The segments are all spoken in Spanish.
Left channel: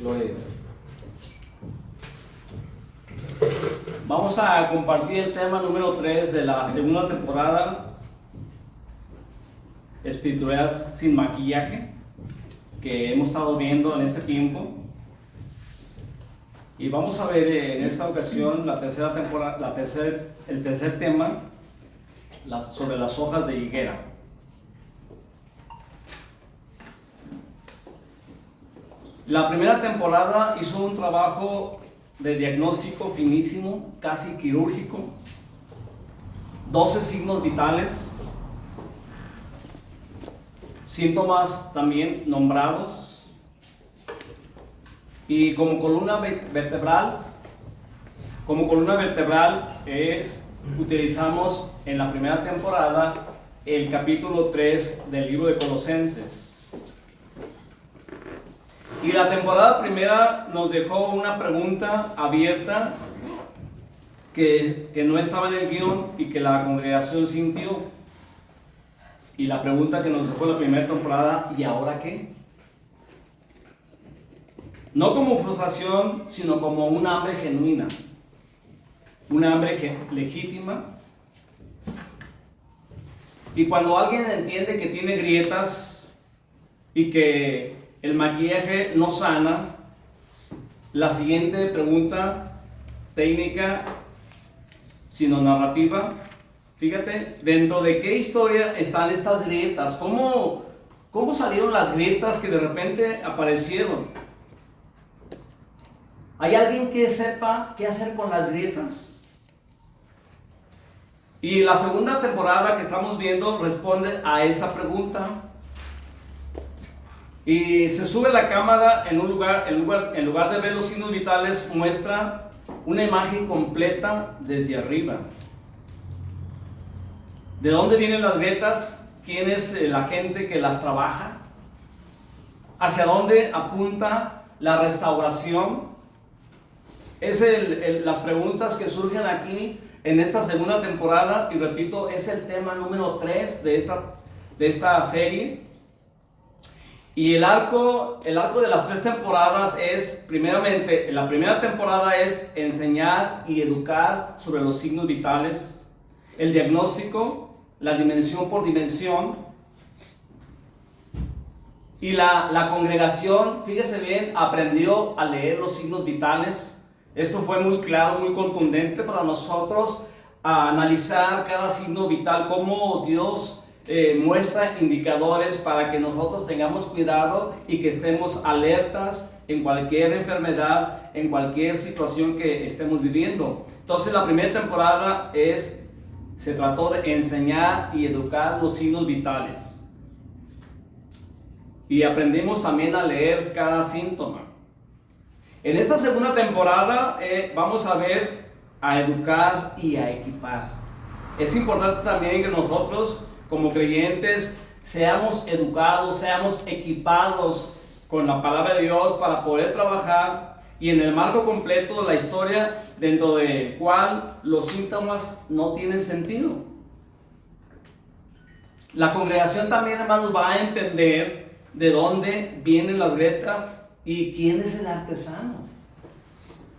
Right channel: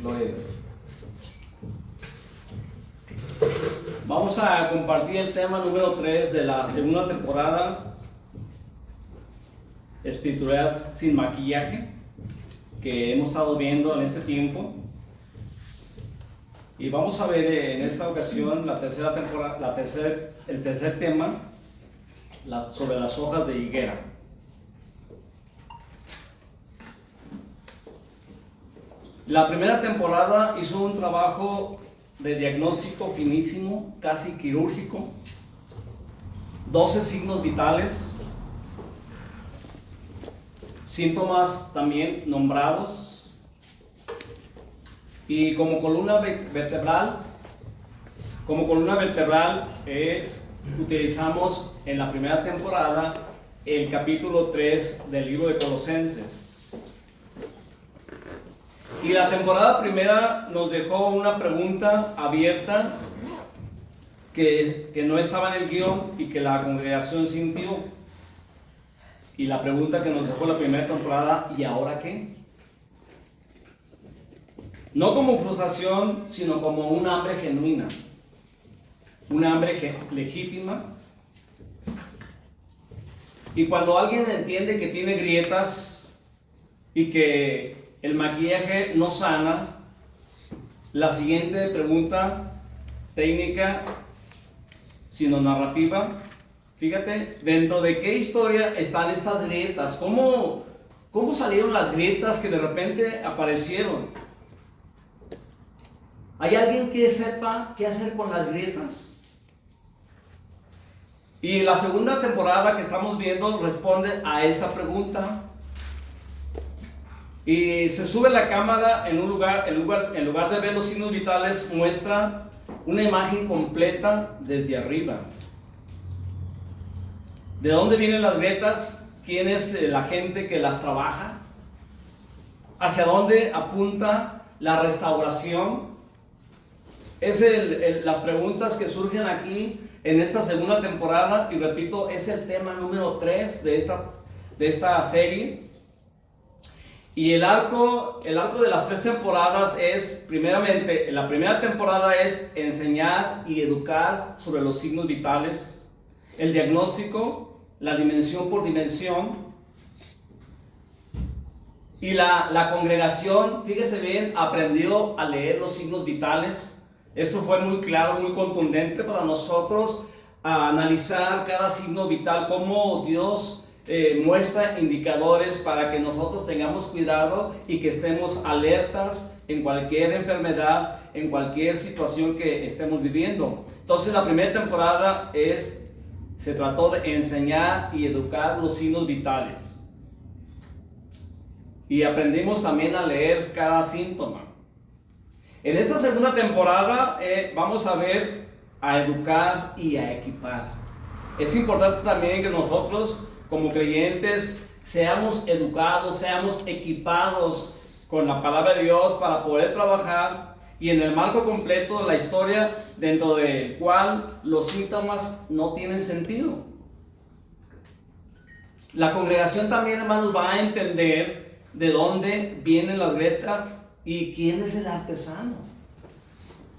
Gloria a Dios. Vamos a compartir el tema número 3 de la segunda temporada, Espiritualidad sin maquillaje, que hemos estado viendo en este tiempo. Y vamos a ver en esta ocasión la tercera temporada, el tercer tema, sobre las hojas de higuera. La primera temporada hizo un trabajo de diagnóstico finísimo, casi quirúrgico, 12 signos vitales, síntomas también nombrados, y como columna vertebral utilizamos en la primera temporada el capítulo 3 del libro de Colosenses. Y la temporada primera nos dejó una pregunta abierta que no estaba en el guión y que la congregación sintió. Y la pregunta que nos dejó la primera temporada: ¿y ahora qué? No como frustración, sino como un hambre genuina, un hambre legítima. Y cuando alguien entiende que tiene grietas y que el maquillaje no sana, la siguiente pregunta técnica, sino narrativa, fíjate, ¿dentro de qué historia están estas grietas? ¿Cómo salieron las grietas que de repente aparecieron? ¿Hay alguien que sepa qué hacer con las grietas? Y la segunda temporada que estamos viendo responde a esa pregunta. Y se sube la cámara en lugar de ver los signos vitales, muestra una imagen completa desde arriba. ¿De dónde vienen las grietas? ¿Quién es la gente que las trabaja? ¿Hacia dónde apunta la restauración? Es las preguntas que surgen aquí en esta segunda temporada, y repito, es el tema número 3 de esta serie. Y el arco de las 3 temporadas es, primeramente, la primera temporada es enseñar y educar sobre los signos vitales, el diagnóstico, la dimensión por dimensión. Y la congregación, fíjese bien, aprendió a leer los signos vitales. Esto fue muy claro, muy contundente para nosotros, a analizar cada signo vital, cómo Dios muestra indicadores para que nosotros tengamos cuidado y que estemos alertas en cualquier enfermedad, en cualquier situación que estemos viviendo. Entonces la primera temporada se trató de enseñar y educar los signos vitales, y aprendimos también a leer cada síntoma. En esta segunda temporada vamos a ver a educar y a equipar. Es importante también que nosotros como creyentes seamos educados, seamos equipados con la palabra de Dios para poder trabajar y en el marco completo de la historia, dentro del cual los síntomas no tienen sentido. La congregación también, hermanos, va a entender de dónde vienen las grietas y quién es el artesano.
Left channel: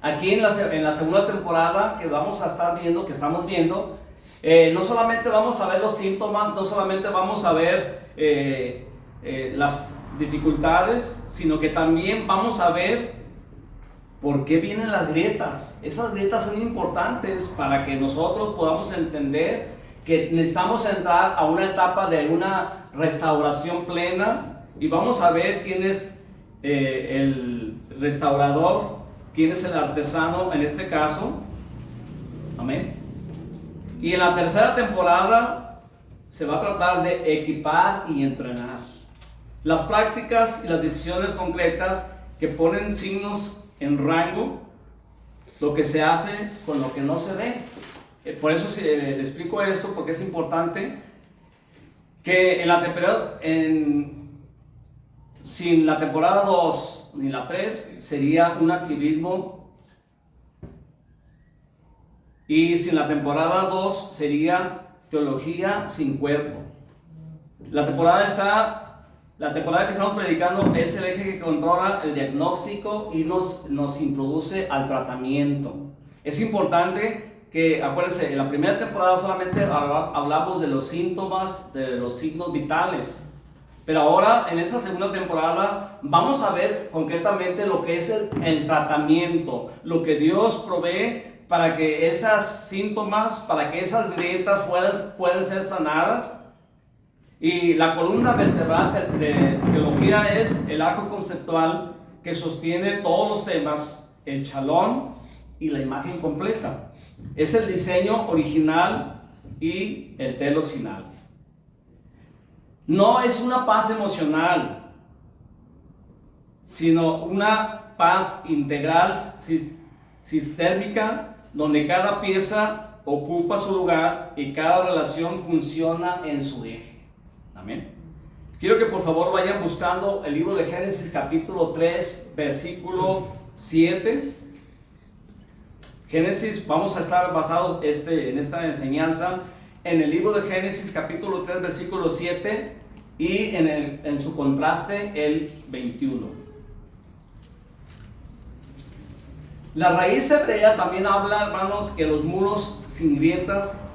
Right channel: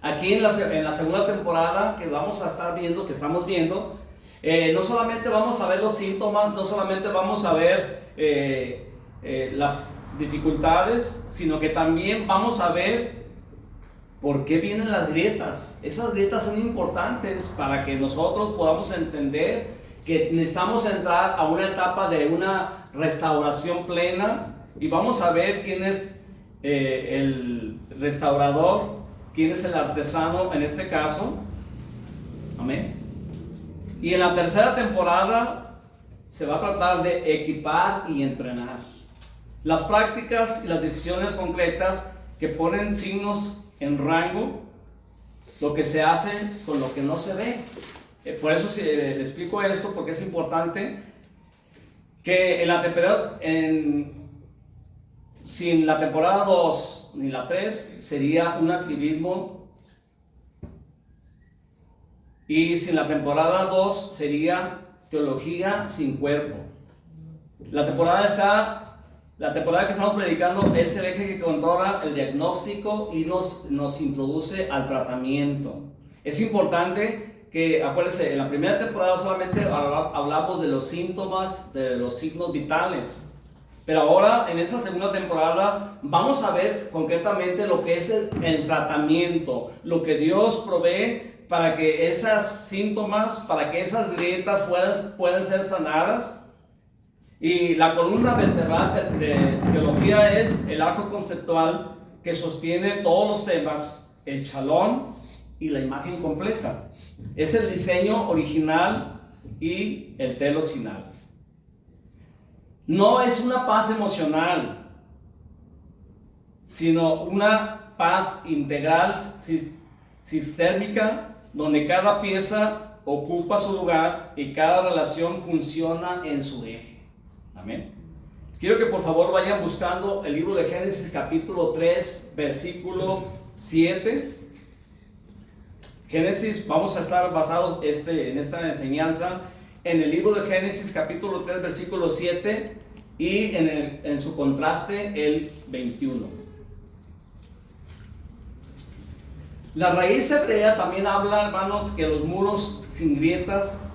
Aquí en la segunda temporada que vamos a estar viendo, que estamos viendo, no solamente vamos a ver los síntomas, no solamente vamos a ver las dificultades, sino que también vamos a ver por qué vienen las grietas. Esas grietas son importantes para que nosotros podamos entender que necesitamos entrar a una etapa de una restauración plena, y vamos a ver quién es el restaurador, quién es el artesano en este caso. Amén. Y en la tercera temporada se va a tratar de equipar y entrenar. Las prácticas y las decisiones concretas que ponen signos en rango, lo que se hace con lo que no se ve. Por eso le explico esto, porque es importante que sin la temporada 2 ni la 3 sería un activismo, y sin la temporada 2 sería teología sin cuerpo. La temporada está La temporada que estamos predicando es el eje que controla el diagnóstico y nos introduce al tratamiento. Es importante que, acuérdense, en la primera temporada solamente hablamos de los síntomas, de los signos vitales. Pero ahora, en esta segunda temporada, vamos a ver concretamente lo que es el tratamiento, lo que Dios provee para que esos síntomas, para que esas grietas puedan ser sanadas. Y la columna vertebral de teología es el arco conceptual que sostiene todos los temas, el chalón y la imagen completa. Es el diseño original y el telos final. No es una paz emocional, sino una paz integral, sistémica, donde cada pieza ocupa su lugar y cada relación funciona en su eje. Amén. Quiero que por favor vayan buscando el libro de Génesis capítulo 3, versículo 7. Génesis, vamos a estar basados en esta enseñanza en el libro de Génesis capítulo 3, versículo 7 y en su contraste el 21. La raíz hebrea también habla, hermanos, que los muros sin grietas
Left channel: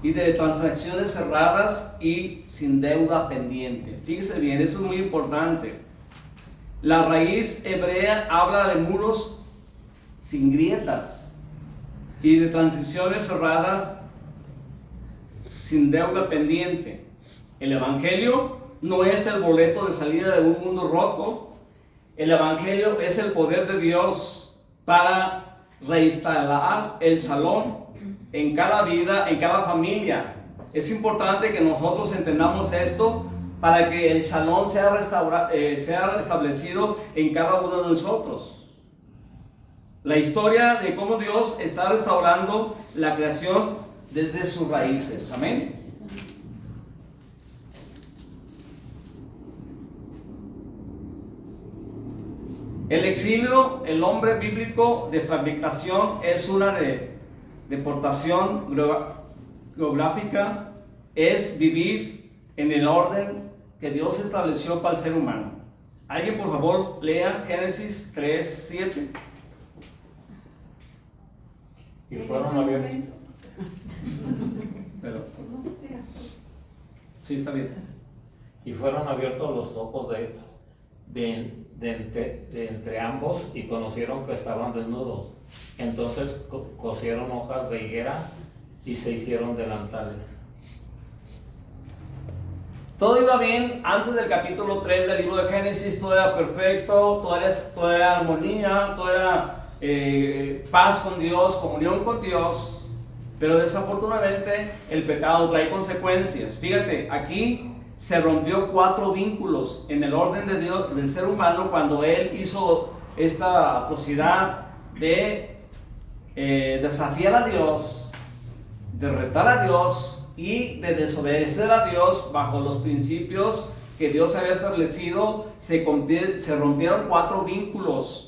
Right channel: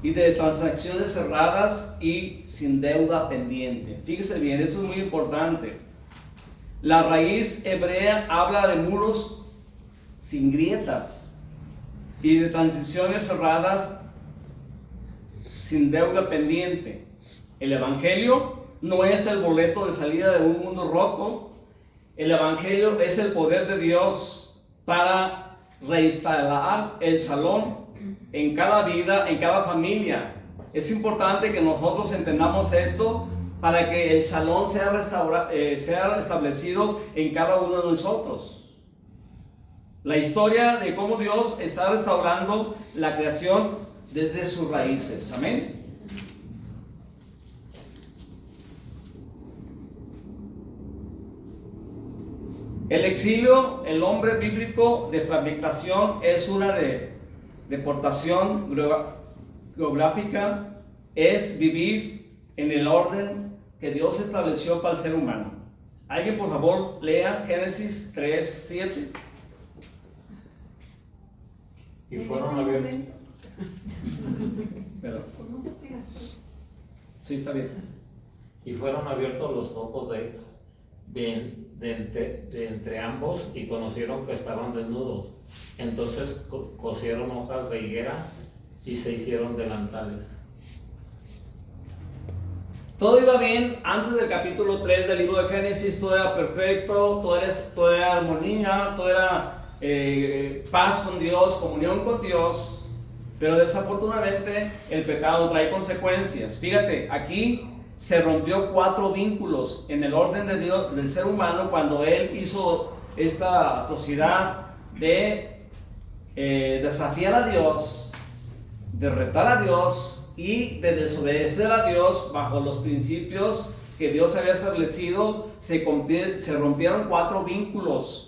y de transacciones cerradas y sin deuda pendiente. Fíjese bien, eso es muy importante. La raíz hebrea habla de muros sin grietas y de transiciones cerradas sin deuda pendiente. El evangelio no es el boleto de salida de un mundo roto. El evangelio es el poder de Dios para reinstalar el shalom en cada vida, en cada familia. Es importante que nosotros entendamos esto para que el shalom sea establecido en cada uno de nosotros. La historia de cómo Dios está restaurando la creación desde sus raíces. Amén. El exilio, el nombre bíblico de fragmentación, es una deportación geográfica, es vivir en el orden que Dios estableció para el ser humano. ¿Alguien por favor lea Génesis 3, 7? Y fueron abiertos. Sí, está bien. Y fueron abiertos los ojos de entre ambos y conocieron que estaban desnudos. Entonces cosieron hojas de higuera y se hicieron delantales. Todo iba bien antes del capítulo 3 del libro de Génesis. Todo era perfecto, todo era armonía, todo era paz con Dios, comunión con Dios. Pero desafortunadamente el pecado trae consecuencias. Fíjate, aquí se rompió 4 vínculos en el orden de Dios, del ser humano, cuando él hizo esta atrocidad de desafiar a Dios, de retar a Dios y de desobedecer a Dios bajo los principios que Dios había establecido. Se rompieron 4 vínculos.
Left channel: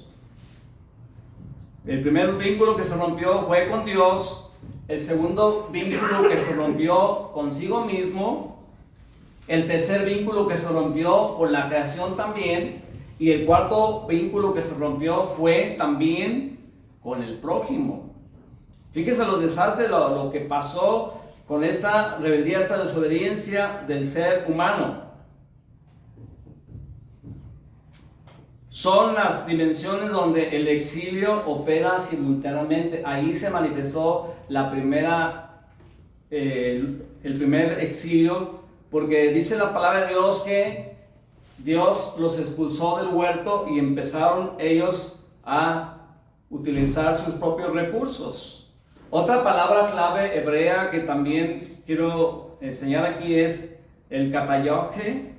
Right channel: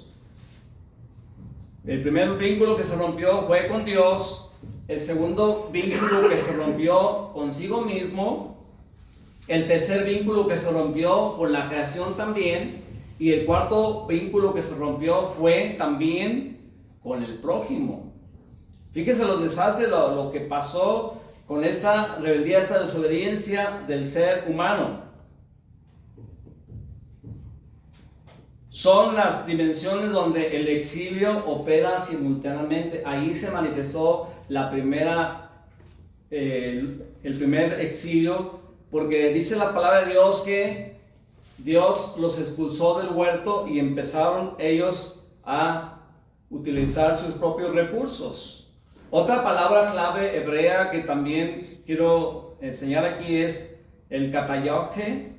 El primer vínculo que se rompió fue con Dios. El segundo vínculo que se rompió consigo mismo. El tercer vínculo que se rompió con la creación también. Y el cuarto vínculo que se rompió fue también con el prójimo. Fíjense los desastres, lo que pasó con esta rebeldía, esta desobediencia del ser humano. Son las dimensiones donde el exilio opera simultáneamente. Ahí se manifestó el primer exilio, porque dice la palabra de Dios que Dios los expulsó del huerto y empezaron ellos a utilizar sus propios recursos. Otra palabra clave hebrea que también quiero enseñar aquí es el katayoje.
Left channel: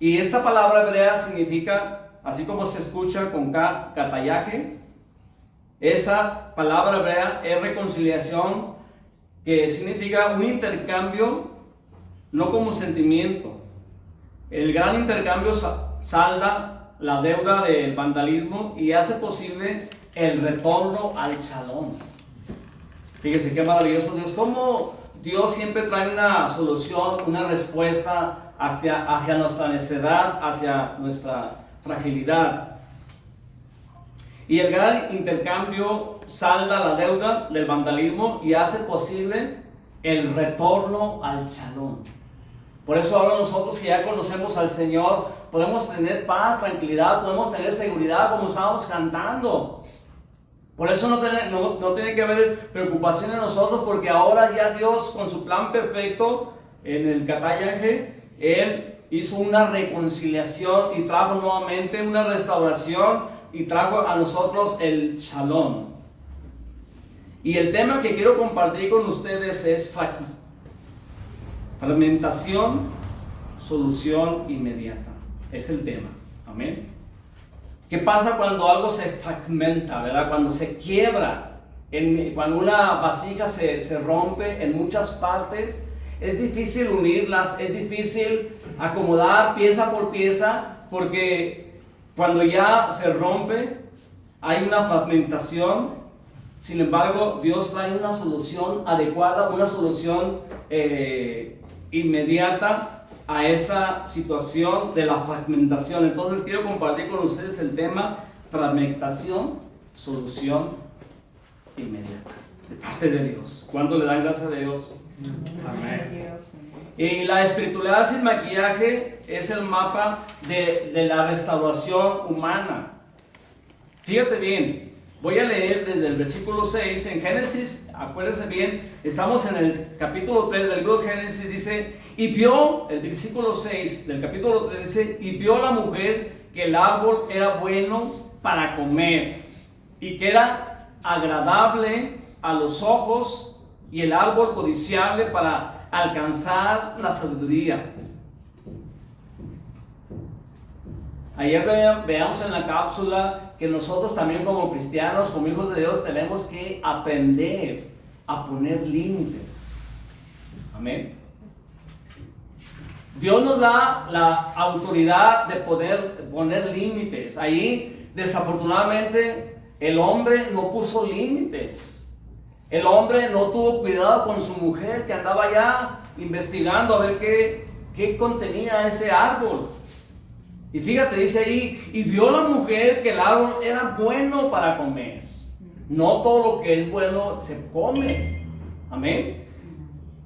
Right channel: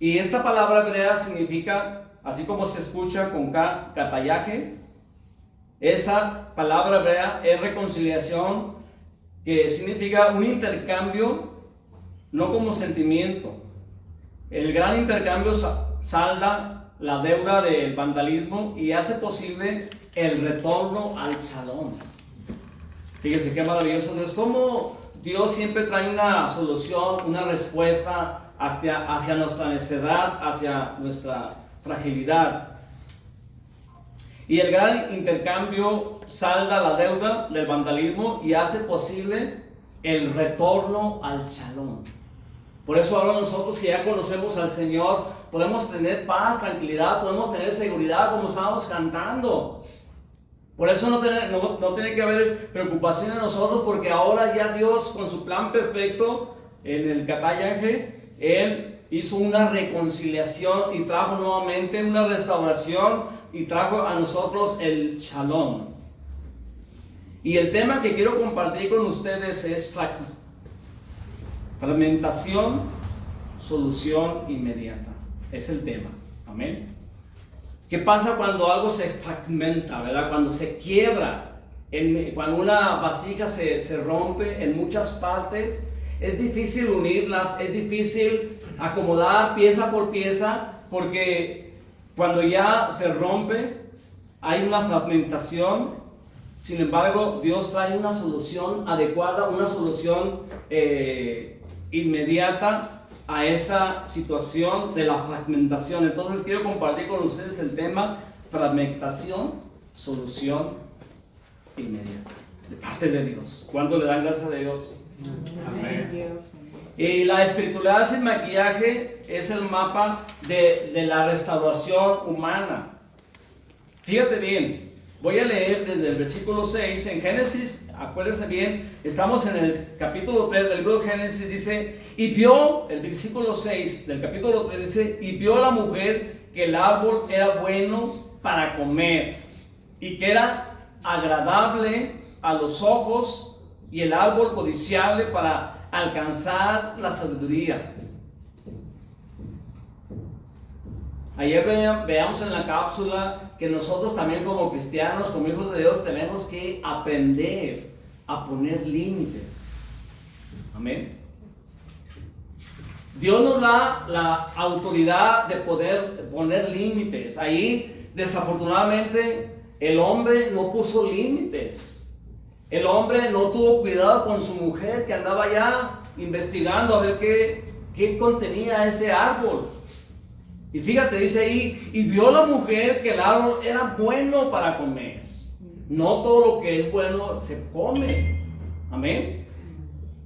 Y esta palabra hebrea significa, así como se escucha con K, katayaje. Esa palabra hebrea es reconciliación, que significa un intercambio, no como sentimiento. El gran intercambio salda la deuda del vandalismo y hace posible el retorno al shalom. Fíjense qué maravilloso es. Como Dios siempre trae una solución, una respuesta hacia nuestra necedad, hacia nuestra fragilidad. Y el gran intercambio salda la deuda del vandalismo y hace posible el retorno al shalom. Por eso ahora nosotros que ya conocemos al Señor, podemos tener paz, tranquilidad, podemos tener seguridad como estábamos cantando. Por eso no tiene que haber preocupación en nosotros, porque ahora ya Dios con su plan perfecto en el Catayanje, Él hizo una reconciliación y trajo nuevamente una restauración y trajo a nosotros el shalom. Y el tema que quiero compartir con ustedes es fragmentación, solución inmediata. Es el tema. Amén. ¿Qué pasa cuando algo se fragmenta, verdad? Cuando se quiebra, cuando una vasija se rompe en muchas partes, es difícil unirlas, es difícil acomodar pieza por pieza, porque cuando ya se rompe, hay una fragmentación. Sin embargo, Dios trae una solución adecuada, una solución inmediata a esta situación de la fragmentación. Entonces quiero compartir con ustedes el tema fragmentación, solución inmediata de parte de Dios. ¿Cuánto le dan gracias a Dios? Amén. Y la espiritualidad sin maquillaje es el mapa de la restauración humana. Fíjate bien, voy a leer desde el versículo 6 en Génesis. Acuérdense bien, estamos en el capítulo 3 del libro de Génesis. Dice, y vio, el versículo 6 del capítulo 3 dice, y vio la mujer que el árbol era bueno para comer y que era agradable a los ojos y el árbol codiciable para alcanzar la sabiduría. Ayer veamos en la cápsula que nosotros también como cristianos, como hijos de Dios, tenemos que aprender a poner límites. Amén. Dios nos da la autoridad de poder poner límites. Ahí, desafortunadamente, el hombre no puso límites. El hombre no tuvo cuidado con su mujer que andaba ya investigando a ver qué contenía ese árbol. Y fíjate, dice ahí, y vio la mujer que el árbol era bueno para comer. No todo lo que es bueno se come. Amén.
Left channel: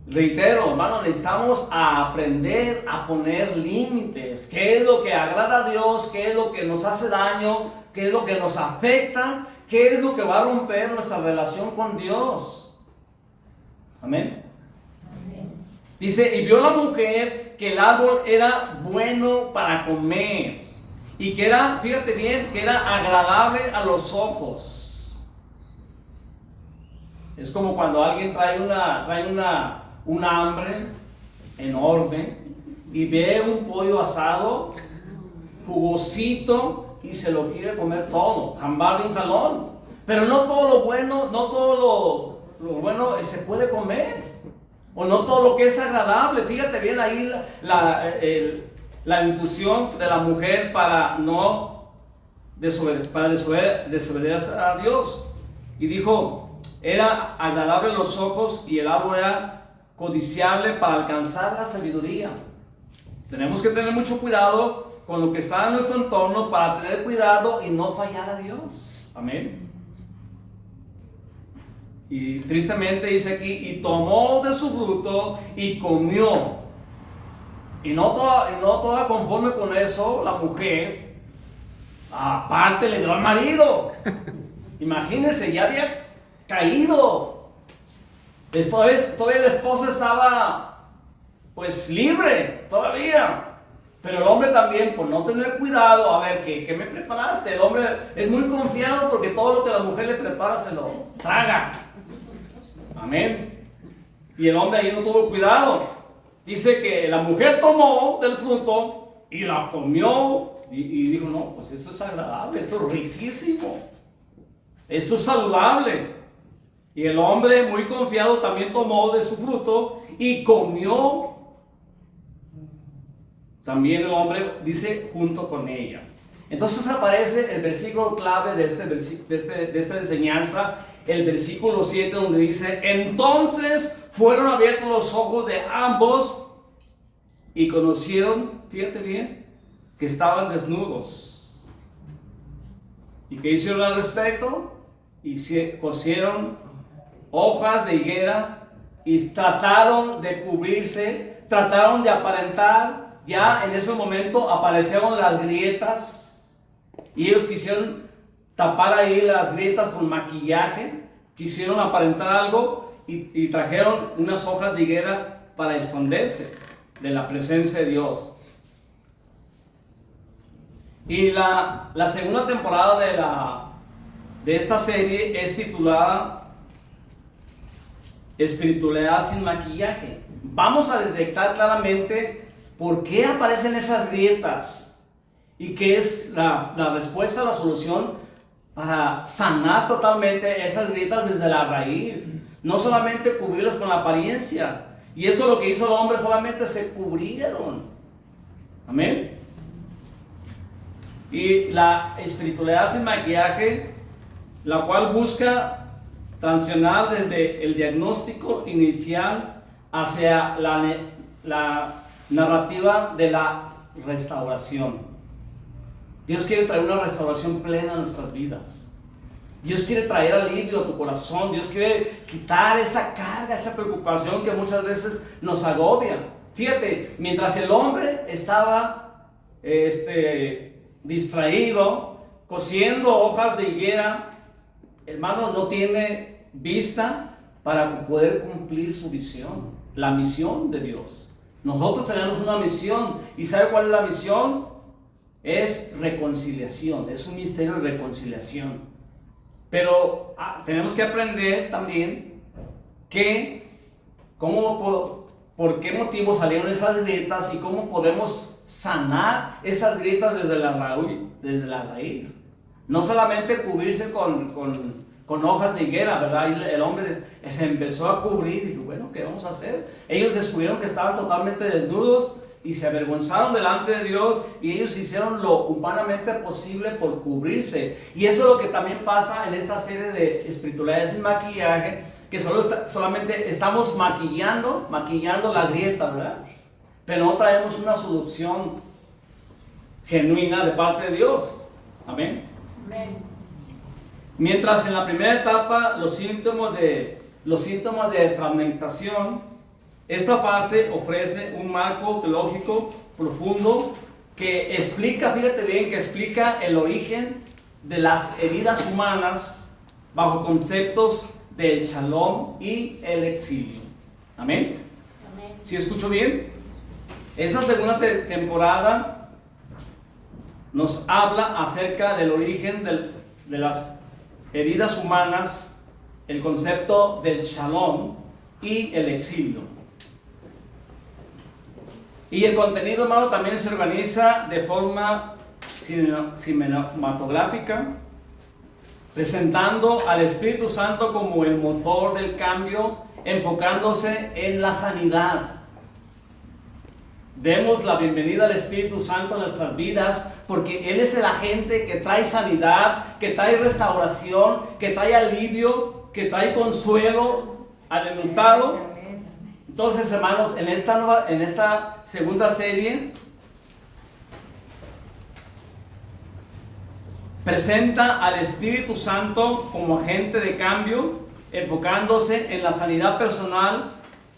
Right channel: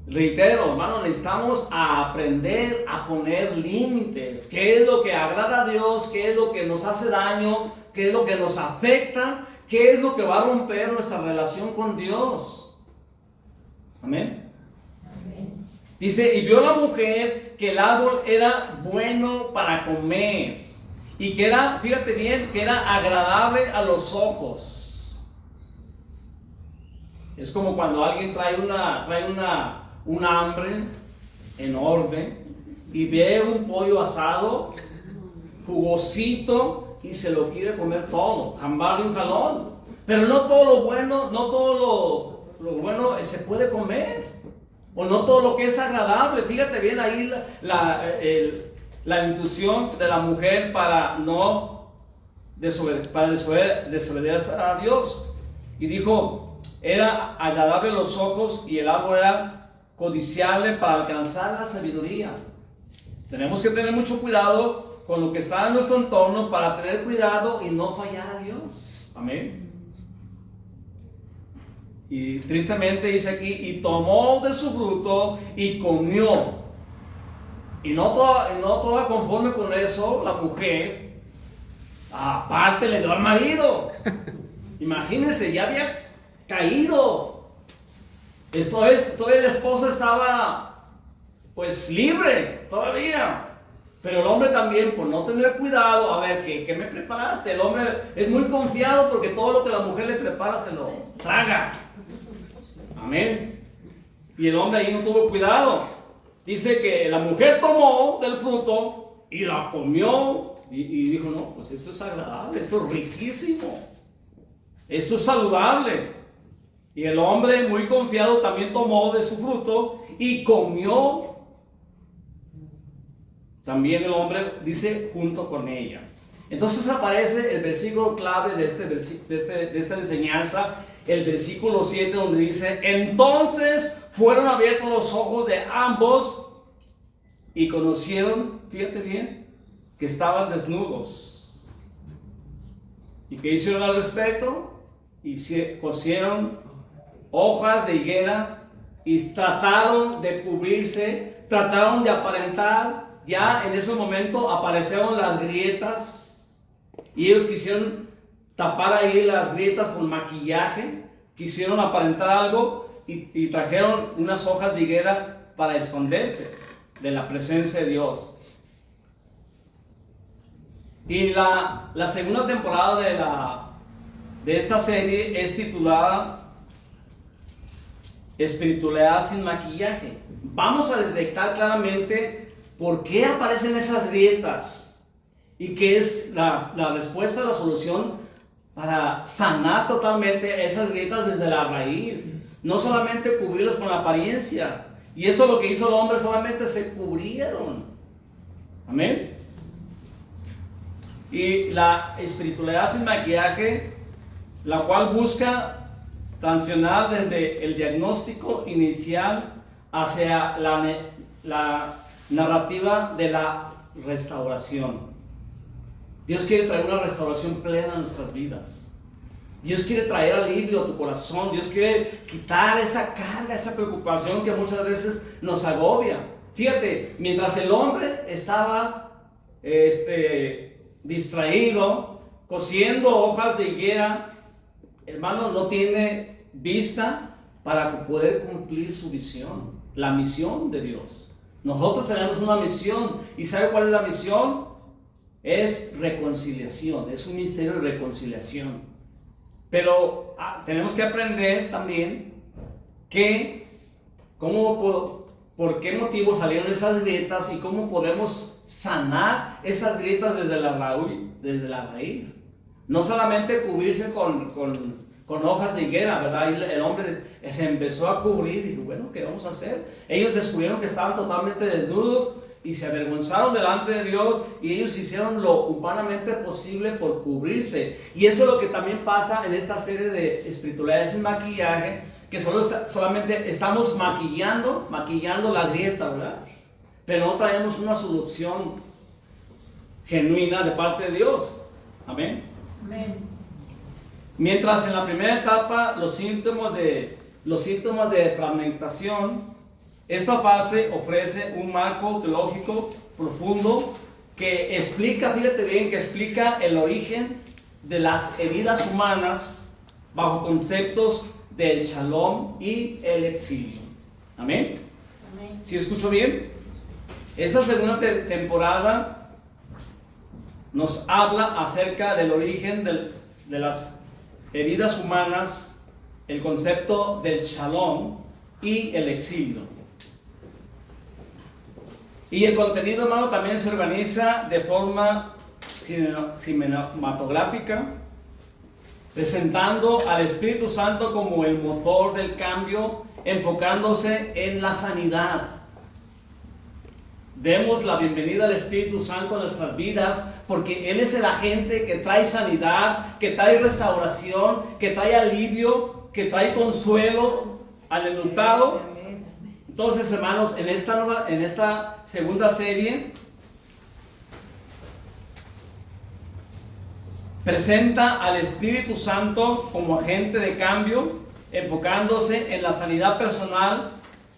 Reitero, hermano, necesitamos aprender a poner límites. ¿Qué es lo que agrada a Dios? ¿Qué es lo que nos hace daño? ¿Qué es lo que nos afecta? ¿Qué es lo que va a romper nuestra relación con Dios? Amén. Dice, y vio la mujer que el árbol era bueno para comer y que era, fíjate bien, que era agradable a los ojos. Es como cuando alguien trae una hambre enorme y ve un pollo asado, jugosito, y se lo quiere comer todo, jambar de un jalón. Pero no todo lo bueno, no todo lo bueno se puede comer. O no todo lo que es agradable. Fíjate bien ahí la intuición de la mujer para no desobedecer a Dios. Y dijo, era agradable los ojos y el árbol era codiciable para alcanzar la sabiduría. Tenemos que tener mucho cuidado con lo que está en nuestro entorno para tener cuidado y no fallar a Dios. Amén. Y tristemente dice aquí, y tomó de su fruto y comió. Y no toda conforme con eso, la mujer, aparte le dio al marido. Imagínense, ya había caído. Todavía el esposo estaba pues libre, todavía. Pero el hombre también, por no tener cuidado, a ver, ¿qué me preparaste? El hombre es muy confiado porque todo lo que la mujer le prepara se lo traga. Amén. Y el hombre ahí no tuvo cuidado. Dice que la mujer tomó del fruto y la comió y dijo, no, pues esto es agradable, esto es riquísimo, esto es saludable. Y el hombre muy confiado también tomó de su fruto y comió. También el hombre dice junto con ella. Entonces aparece el versículo clave de esta enseñanza, el versículo 7, donde dice, entonces fueron abiertos los ojos de ambos y conocieron, fíjate bien, que estaban desnudos. ¿Y qué hicieron al respecto? Cosieron hojas de higuera y trataron de cubrirse, trataron de aparentar. Ya en ese momento aparecieron las grietas y ellos quisieron tapar ahí las grietas con maquillaje, quisieron aparentar algo y trajeron unas hojas de higuera para esconderse de la presencia de Dios. Y la segunda temporada de esta serie es titulada Espiritualidad sin maquillaje. Vamos a detectar claramente por qué aparecen esas grietas y qué es la respuesta, la solución para sanar totalmente esas grietas desde la raíz. No solamente cubrirlos con apariencia. Y eso es lo que hizo el hombre, solamente se cubrieron. Amén. Y la espiritualidad sin maquillaje, la cual busca transicionar desde el diagnóstico inicial hacia la narrativa de la restauración. Dios quiere traer una restauración plena a nuestras vidas. Dios quiere traer alivio a tu corazón. Dios quiere quitar esa carga, esa preocupación que muchas veces nos agobia. Fíjate, mientras el hombre estaba distraído, cosiendo hojas de higuera, hermano, no tiene vista para poder cumplir su visión, la misión de Dios. Nosotros tenemos una misión. ¿Y sabe cuál es la misión? Es reconciliación, es un misterio de reconciliación. Pero tenemos que aprender también que por qué motivo salieron esas grietas y cómo podemos sanar esas grietas desde la raíz. No solamente cubrirse con hojas de higuera, ¿verdad? Y el hombre se empezó a cubrir y dijo, bueno, ¿qué vamos a hacer? Ellos descubrieron que estaban totalmente desnudos y se avergonzaron delante de Dios, y ellos hicieron lo humanamente posible por cubrirse. Y eso es lo que también pasa en esta serie de espiritualidad sin maquillaje, que solamente estamos maquillando la grieta, ¿verdad? Pero no traemos una solución genuina de parte de Dios. Amén. Amén. Mientras en la primera etapa los síntomas de fragmentación, esta fase ofrece un marco teológico profundo que explica, fíjate bien, que explica el origen de las heridas humanas bajo conceptos del shalom y el exilio. Amén. Amén. ¿Sí escucho bien? Esa segunda temporada nos habla acerca del origen de las heridas humanas, el concepto del shalom y el exilio. Y el contenido, hermano, también se organiza de forma cinematográfica, presentando al Espíritu Santo como el motor del cambio, enfocándose en la sanidad. Demos la bienvenida al Espíritu Santo en nuestras vidas, porque Él es el agente que trae sanidad, que trae restauración, que trae alivio, que trae consuelo al enlutado. Entonces, hermanos, en esta segunda serie presenta al Espíritu Santo como agente de cambio, enfocándose en la sanidad personal.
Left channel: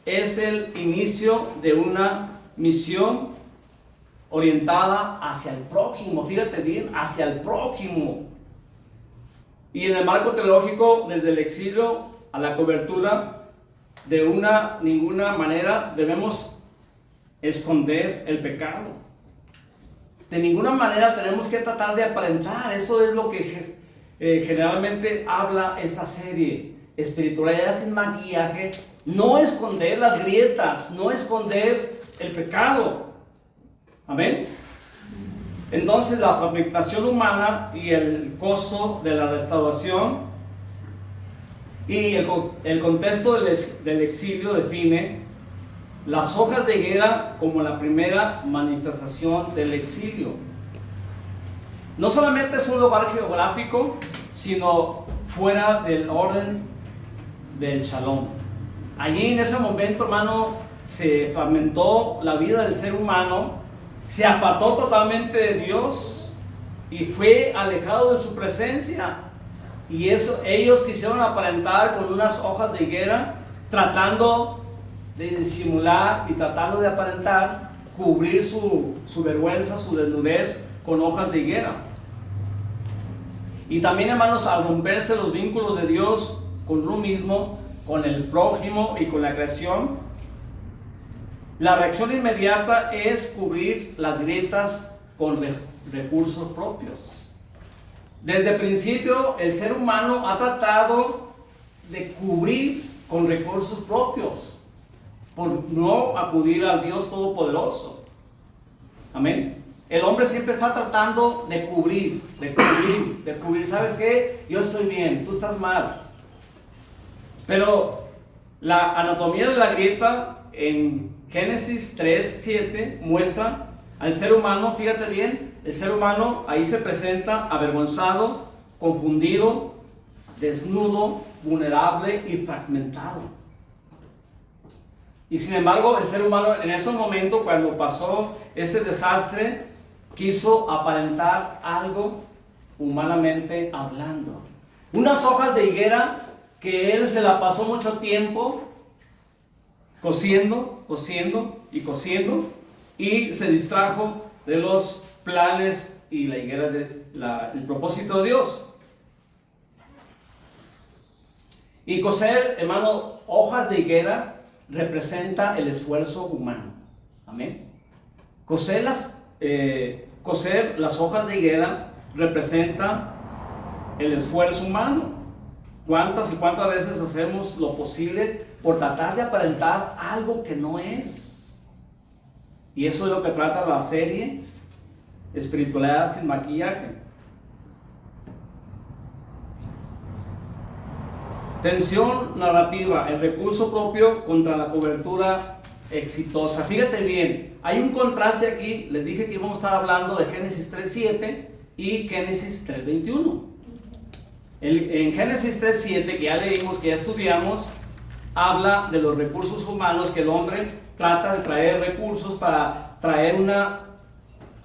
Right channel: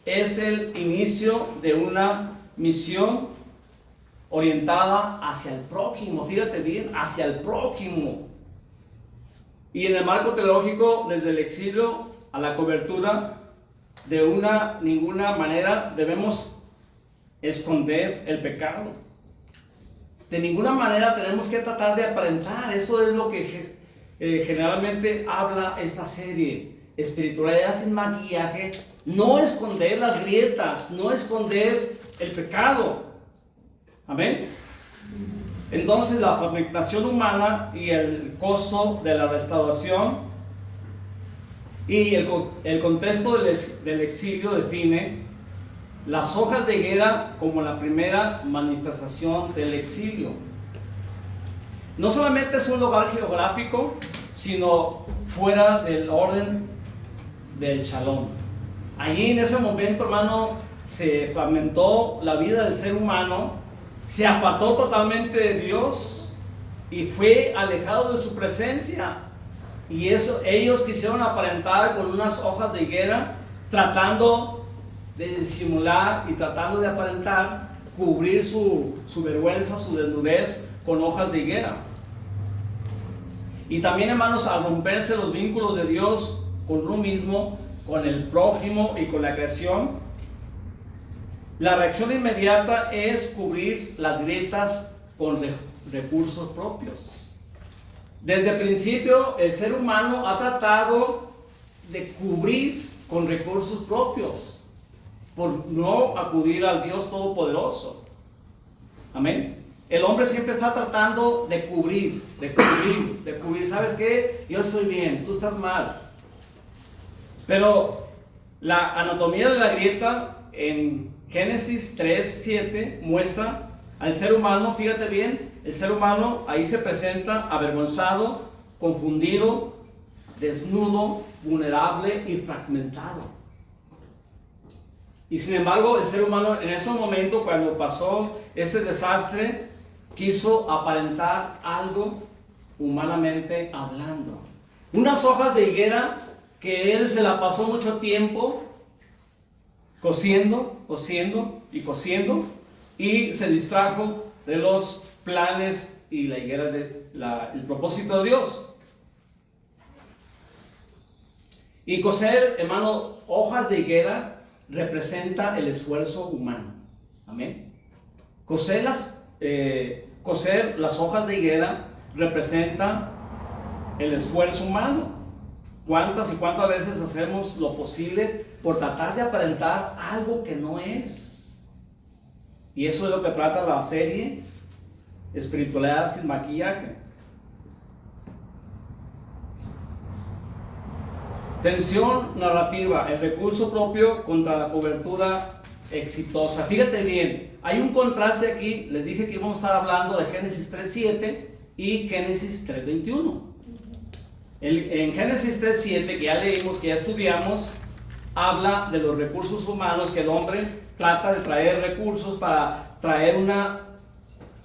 Es el inicio de una misión orientada hacia el prójimo. Fíjate bien, hacia el prójimo. Y en el marco teológico, desde el exilio a la cobertura, de ninguna manera debemos esconder el pecado. De ninguna manera tenemos que tratar de aparentar. Eso es lo que generalmente habla esta serie. Espiritualidad sin maquillaje. No esconder las grietas, no esconder el pecado. Amén. Entonces, la fragmentación humana y el costo de la restauración y el contexto del exilio define las hojas de higuera como la primera manifestación del exilio. No solamente es un lugar geográfico, sino fuera del orden del shalom. Allí en ese momento, hermano, se fragmentó la vida del ser humano, se apartó totalmente de Dios y fue alejado de su presencia. Y eso, ellos quisieron aparentar con unas hojas de higuera, tratando de disimular y tratando de aparentar, cubrir su vergüenza, su desnudez con hojas de higuera. Y también, hermanos, al romperse los vínculos de Dios con uno mismo, con el prójimo y con la creación, la reacción inmediata es cubrir las grietas con recursos propios. Desde el principio, el ser humano ha tratado de cubrir con recursos propios, por no acudir al Dios Todopoderoso. Amén. El hombre siempre está tratando de cubrir. ¿Sabes qué? Yo estoy bien, tú estás mal. Pero la anatomía de la grieta en Génesis 3:7 muestra al ser humano, fíjate bien, el ser humano ahí se presenta avergonzado, confundido, desnudo, vulnerable y fragmentado. Y sin embargo, el ser humano en ese momento, cuando pasó ese desastre, quiso aparentar algo humanamente hablando. Unas hojas de higuera que él se la pasó mucho tiempo cosiendo y se distrajo de los planes y la higuera el propósito de Dios. Y coser, hermano, hojas de higuera representa el esfuerzo humano. Amén. Coser las hojas de higuera representa el esfuerzo humano. ¿Cuántas y cuántas veces hacemos lo posible por tratar de aparentar algo que no es? Y eso es lo que trata la serie Espiritualidad sin maquillaje. Tensión narrativa, el recurso propio contra la cobertura exitosa. Fíjate bien, hay un contraste aquí. Les dije que íbamos a estar hablando de Génesis 3:7 y Génesis 3:21. En Génesis 3:7, que ya leímos, que ya estudiamos, habla de los recursos humanos, que el hombre trata de traer recursos para traer una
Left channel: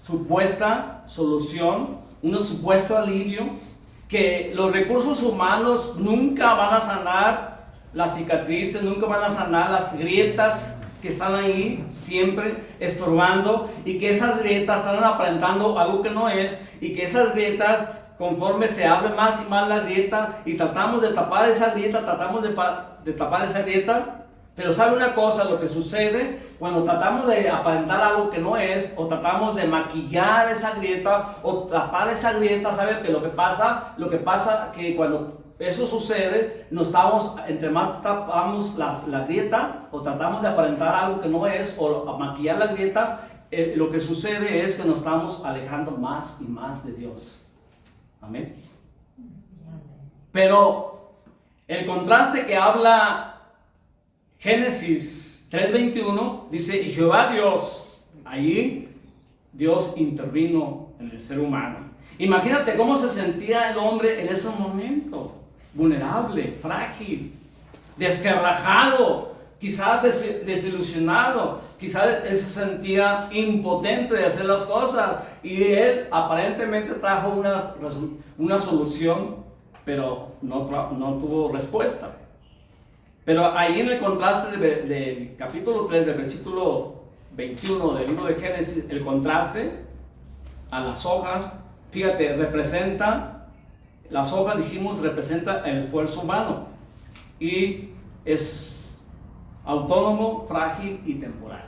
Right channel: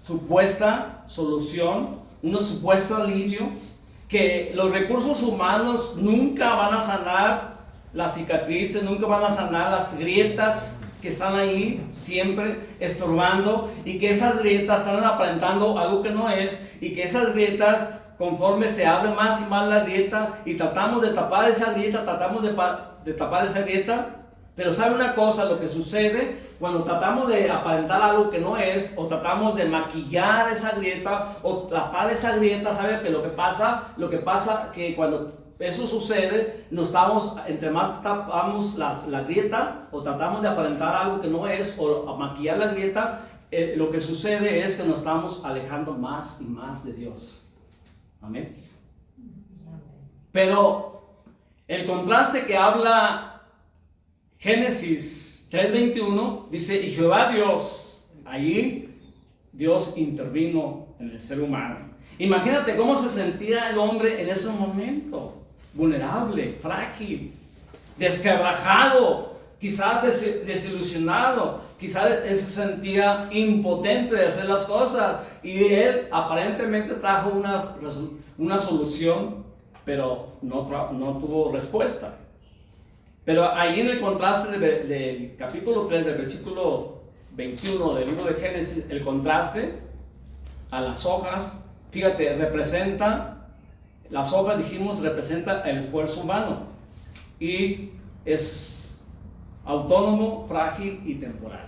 supuesta solución, un supuesto alivio, que los recursos humanos nunca van a sanar las cicatrices, nunca van a sanar las grietas que están ahí siempre estorbando, y que esas grietas están aparentando algo que no es, y que esas grietas, conforme se abre más y más la grieta y tratamos de tapar esa grieta, pero ¿sabe una cosa? Lo que sucede cuando tratamos de aparentar algo que no es, o tratamos de maquillar esa grieta o tapar esa grieta, ¿sabe que lo que pasa que cuando eso sucede, entre más tapamos la grieta o tratamos de aparentar algo que no es, o maquillar la grieta, lo que sucede es que nos estamos alejando más y más de Dios. Amén. Pero el contraste que habla Génesis 3:21 dice: y Jehová Dios, ahí Dios intervino en el ser humano. Imagínate cómo se sentía el hombre en ese momento: vulnerable, frágil, desquebrajado, quizás desilusionado, quizás él se sentía impotente de hacer las cosas, y él aparentemente trajo una solución, pero no tuvo respuesta. Pero ahí en el contraste del capítulo 3, del versículo 21 del libro de Génesis, el contraste a las hojas, fíjate, las hojas, dijimos, representa el esfuerzo humano, y es autónomo, frágil y temporal.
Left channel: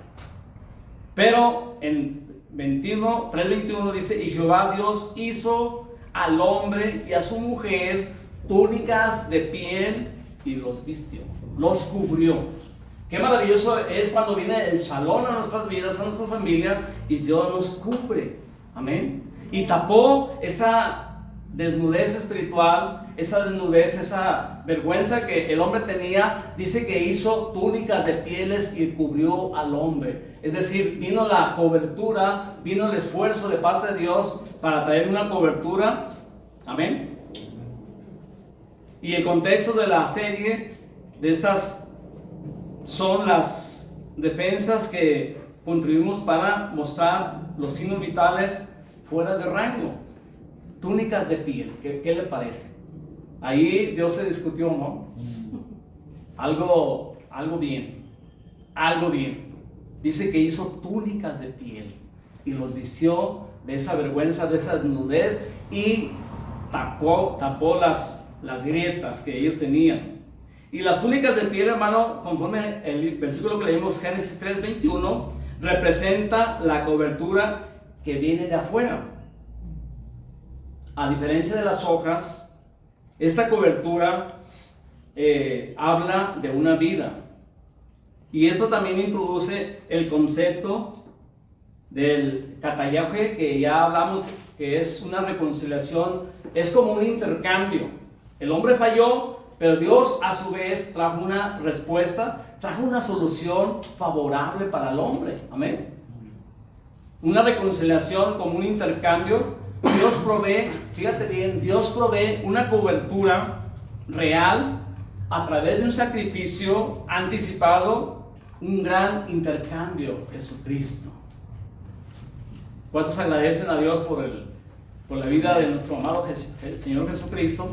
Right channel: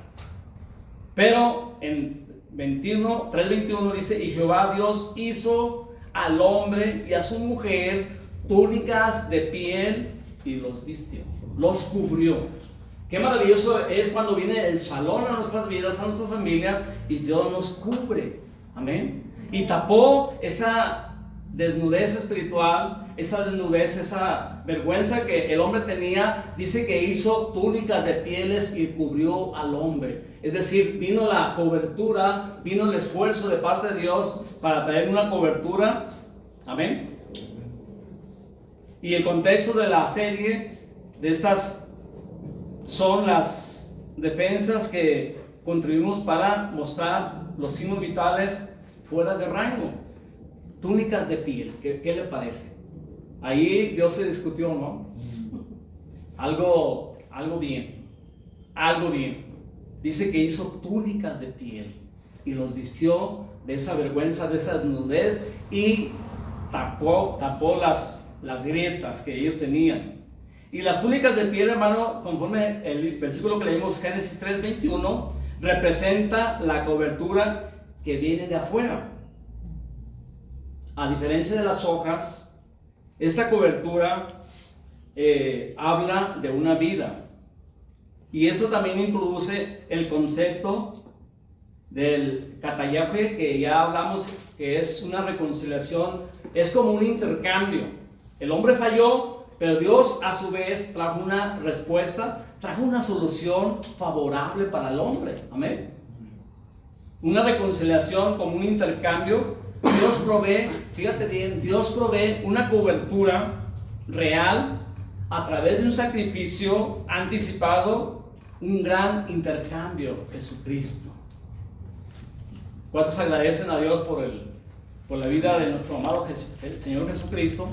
Pero en 3:21 dice: y Jehová Dios hizo al hombre y a su mujer túnicas de piel y los vistió, los cubrió. Qué maravilloso es cuando viene el Shalom a nuestras vidas, a nuestras familias, y Dios nos cubre. Amén. Y tapó esa desnudez espiritual, esa vergüenza que el hombre tenía. Dice que hizo túnicas de pieles y cubrió al hombre. Es decir, vino la cobertura, vino el esfuerzo de parte de Dios para traer una cobertura. Amén. Y el contexto de la serie de estas son las defensas que contribuimos para mostrar los signos vitales fuera de rango. Túnicas de piel, ¿qué le parece? Ahí Dios se discutió, ¿no? Algo bien. Dice que hizo túnicas de piel y los vistió de esa vergüenza, de esa desnudez, y tapó las grietas que ellos tenían. Y las túnicas de piel, hermano, conforme el versículo que leímos, Génesis 3:21, representa la cobertura que viene de afuera. A diferencia de las hojas, esta cobertura habla de una vida. Y esto también introduce el concepto del katayaje, que ya hablamos, que es una reconciliación, es como un intercambio. El hombre falló, pero Dios a su vez trajo una respuesta, trajo una solución favorable para el hombre. Amén. Una reconciliación como un intercambio. Dios provee, fíjate bien, Dios provee una cobertura real a través de un sacrificio anticipado, un gran intercambio, Jesucristo. ¿Cuántos agradecen a Dios por la vida de nuestro amado el Señor Jesucristo?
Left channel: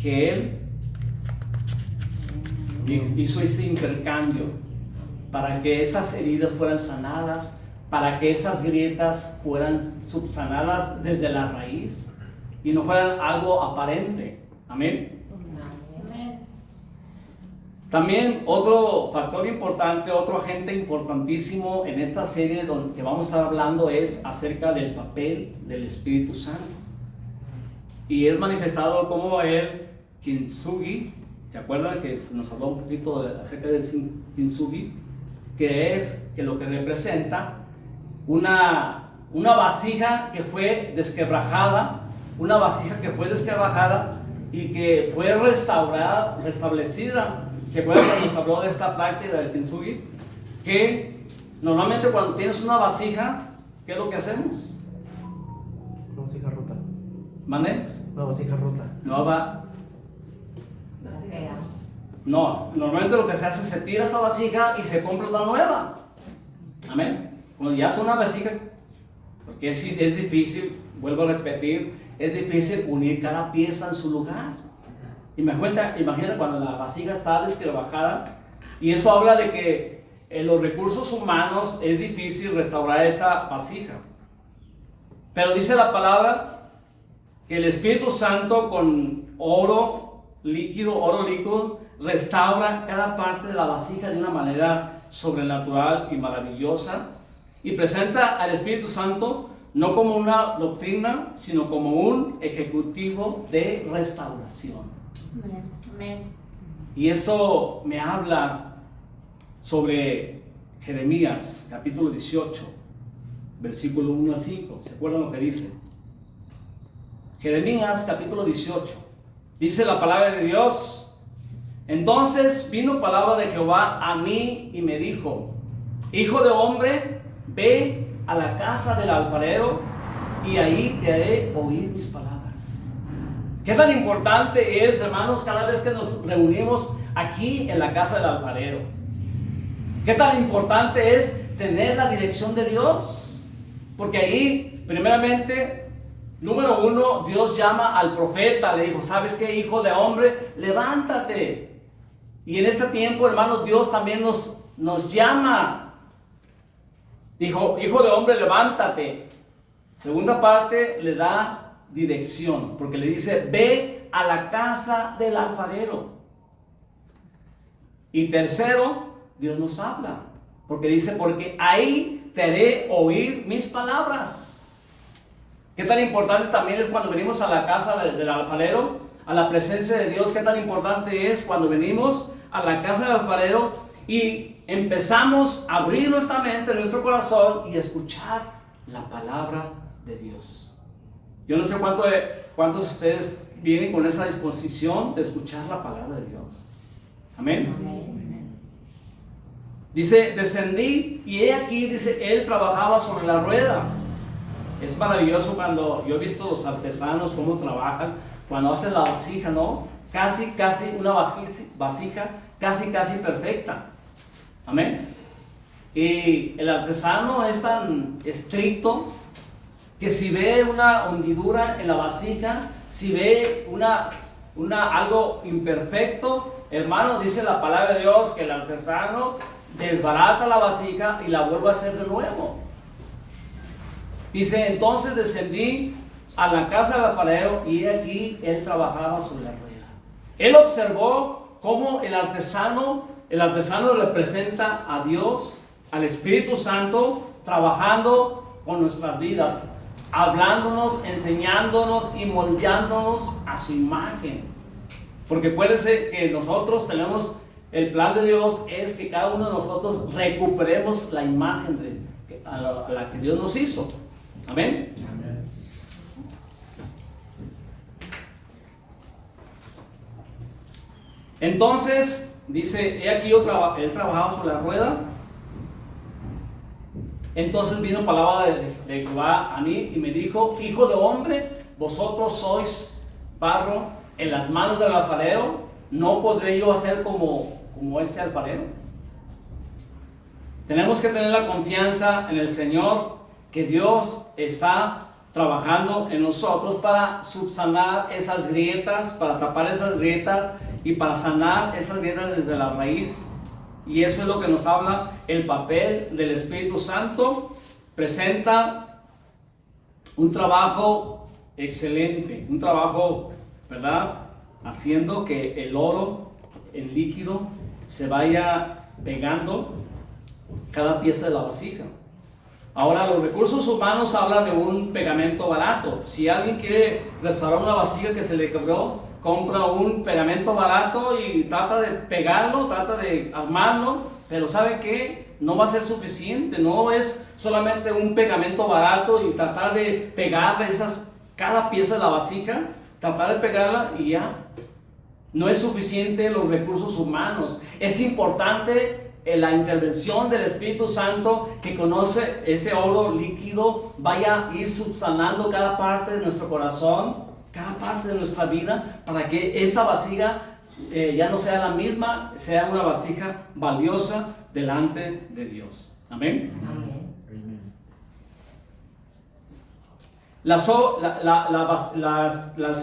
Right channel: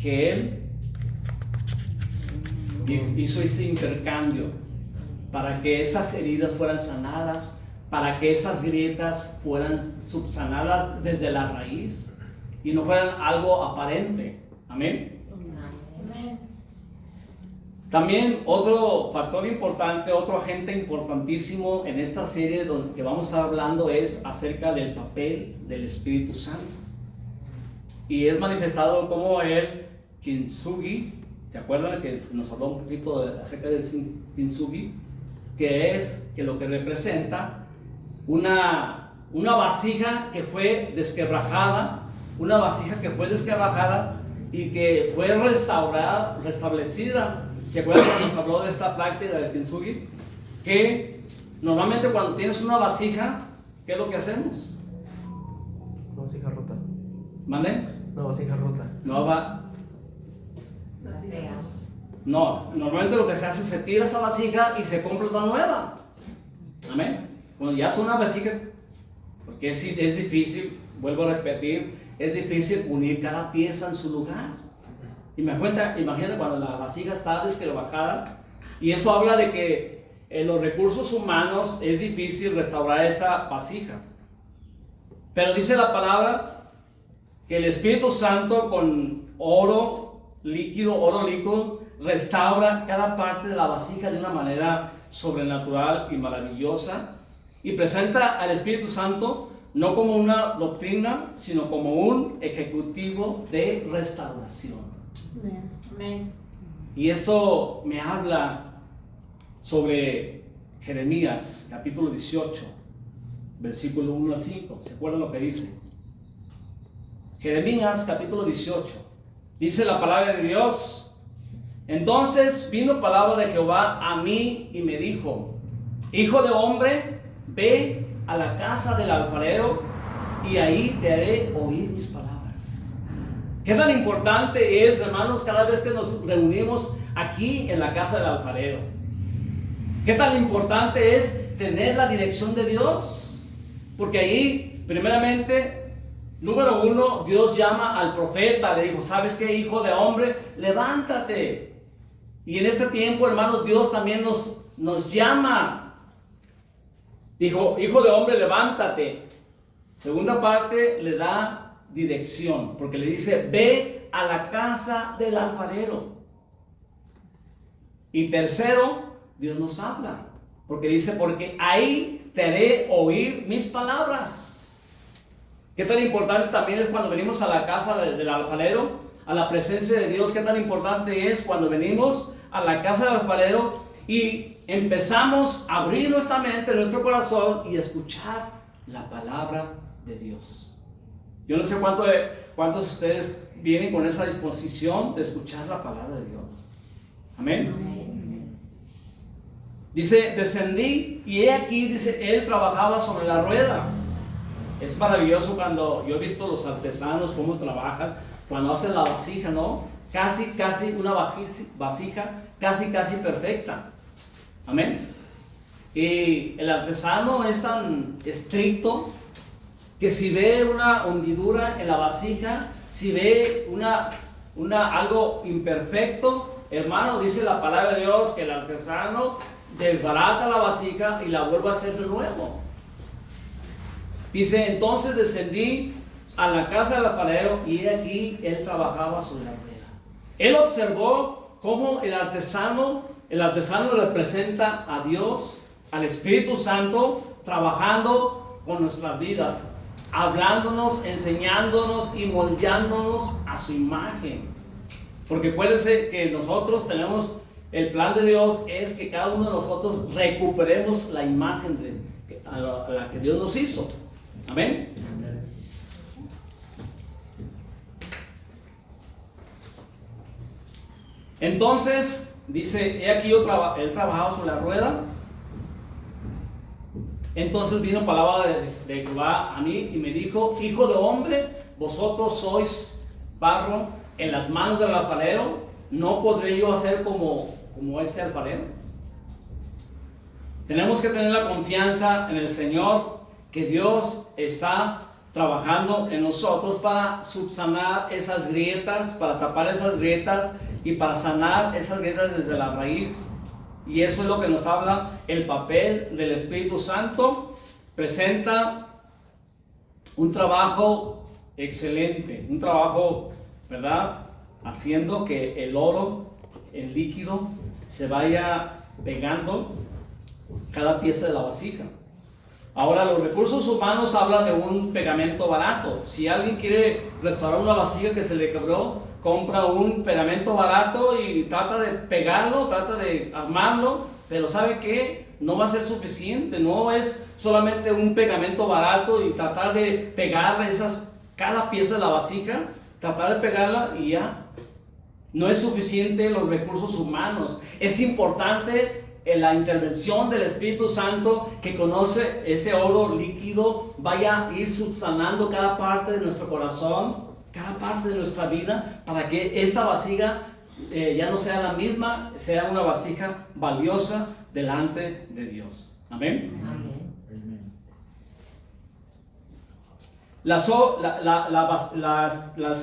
Que Él hizo ese intercambio para que esas heridas fueran sanadas, para que esas grietas fueran subsanadas desde la raíz y no fueran algo aparente. Amén. También otro factor importante, otro agente importantísimo en esta serie que vamos a estar hablando es acerca del papel del Espíritu Santo. Y es manifestado como el kintsugi. ¿Se acuerdan que nos habló un poquito acerca del kintsugi? Que lo que representa una vasija que fue desquebrajada, y que fue restablecida. ¿Se acuerdan que nos habló de esta práctica del kintsugi? Que normalmente cuando tienes una vasija, ¿qué es lo que hacemos? Una vasija rota. ¿Mande? Una vasija rota. No, normalmente lo que se hace es se tira esa vasija y se compra una nueva. Amén. Cuando ya es una vasija, porque es difícil, vuelvo a repetir, es difícil unir cada pieza en su lugar. Imagina cuando la vasija está desquebrajada, y eso habla de que en los recursos humanos es difícil restaurar esa vasija. Pero dice la palabra que el Espíritu Santo con oro líquido, restaura cada parte de la vasija de una manera sobrenatural y maravillosa, y presenta al Espíritu Santo no como una doctrina, sino como un ejecutivo de restauración. Amén. Y eso me habla sobre Jeremías capítulo 18, versículo 1 al 5. ¿Se acuerdan lo que dice? Jeremías capítulo 18. Dice la palabra de Dios: entonces vino palabra de Jehová a mí y me dijo: hijo de hombre, ve a la casa del alfarero y ahí te haré oír mis palabras. ¿Qué tan importante es, hermanos, cada vez que nos reunimos aquí en la casa del alfarero? ¿Qué tan importante es tener la dirección de Dios? Porque ahí, primeramente, número uno, Dios llama al profeta, le dijo: ¿sabes qué, hijo de hombre? Levántate. Y en este tiempo, hermanos, Dios también nos llama. Dijo: hijo de hombre, levántate. Segunda parte, le da dirección, porque le dice: ve a la casa del alfarero. Y tercero, Dios nos habla, porque dice: porque ahí te haré oír mis palabras. ¿Qué tan importante también es cuando venimos a la casa del alfarero, a la presencia de Dios? ¿Qué tan importante es cuando venimos a la casa del alfarero y empezamos a abrir nuestra mente, nuestro corazón, y escuchar la palabra de Dios? Yo no sé cuántos de ustedes vienen con esa disposición de escuchar la palabra de Dios. Amén. Amén. Dice: descendí y he aquí, dice, él trabajaba sobre la rueda. Es maravilloso cuando yo he visto los artesanos cómo trabajan, cuando hacen la vasija, ¿no? Casi una vasija casi perfecta. Amén. Y el artesano es tan estricto que si ve una hundidura en la vasija, si ve algo imperfecto, hermano, dice la palabra de Dios que el artesano desbarata la vasija y la vuelve a hacer de nuevo. Dice, entonces descendí a la casa del alfarero y aquí él trabajaba sobre la rueda. Él observó cómo el artesano representa a Dios, al Espíritu Santo, trabajando con nuestras vidas, hablándonos, enseñándonos y moldeándonos a su imagen. Porque acuérdense que nosotros tenemos, el plan de Dios es que cada uno de nosotros recuperemos la imagen a la que Dios nos hizo. Amén. Entonces, dice, he aquí él trabajaba sobre la rueda. Entonces vino palabra de Jehová a mí y me dijo, hijo de hombre, vosotros sois barro en las manos del alfarero, ¿no podré yo hacer como este alfarero? Tenemos que tener la confianza en el Señor, que Dios está trabajando en nosotros para subsanar esas grietas, para tapar esas grietas y para sanar esas grietas desde la raíz. Y eso es lo que nos habla el papel del Espíritu Santo. Presenta un trabajo excelente, un trabajo, ¿verdad? Haciendo que el oro, el líquido, se vaya pegando cada pieza de la vasija. Ahora, los recursos humanos hablan de un pegamento barato. Si alguien quiere restaurar una vasija que se le quebró, compra un pegamento barato y trata de pegarlo, trata de armarlo, pero ¿sabe qué? No va a ser suficiente. No es solamente un pegamento barato y tratar de pegarle cada pieza de la vasija, tratar de pegarla y ya. No es suficiente los recursos humanos. Es importante la intervención del Espíritu Santo, que conoce ese oro líquido, vaya a ir subsanando cada parte de nuestro corazón, cada parte de nuestra vida, para que esa vasija ya no sea la misma, sea una vasija valiosa delante de Dios. Amén. Amén. Las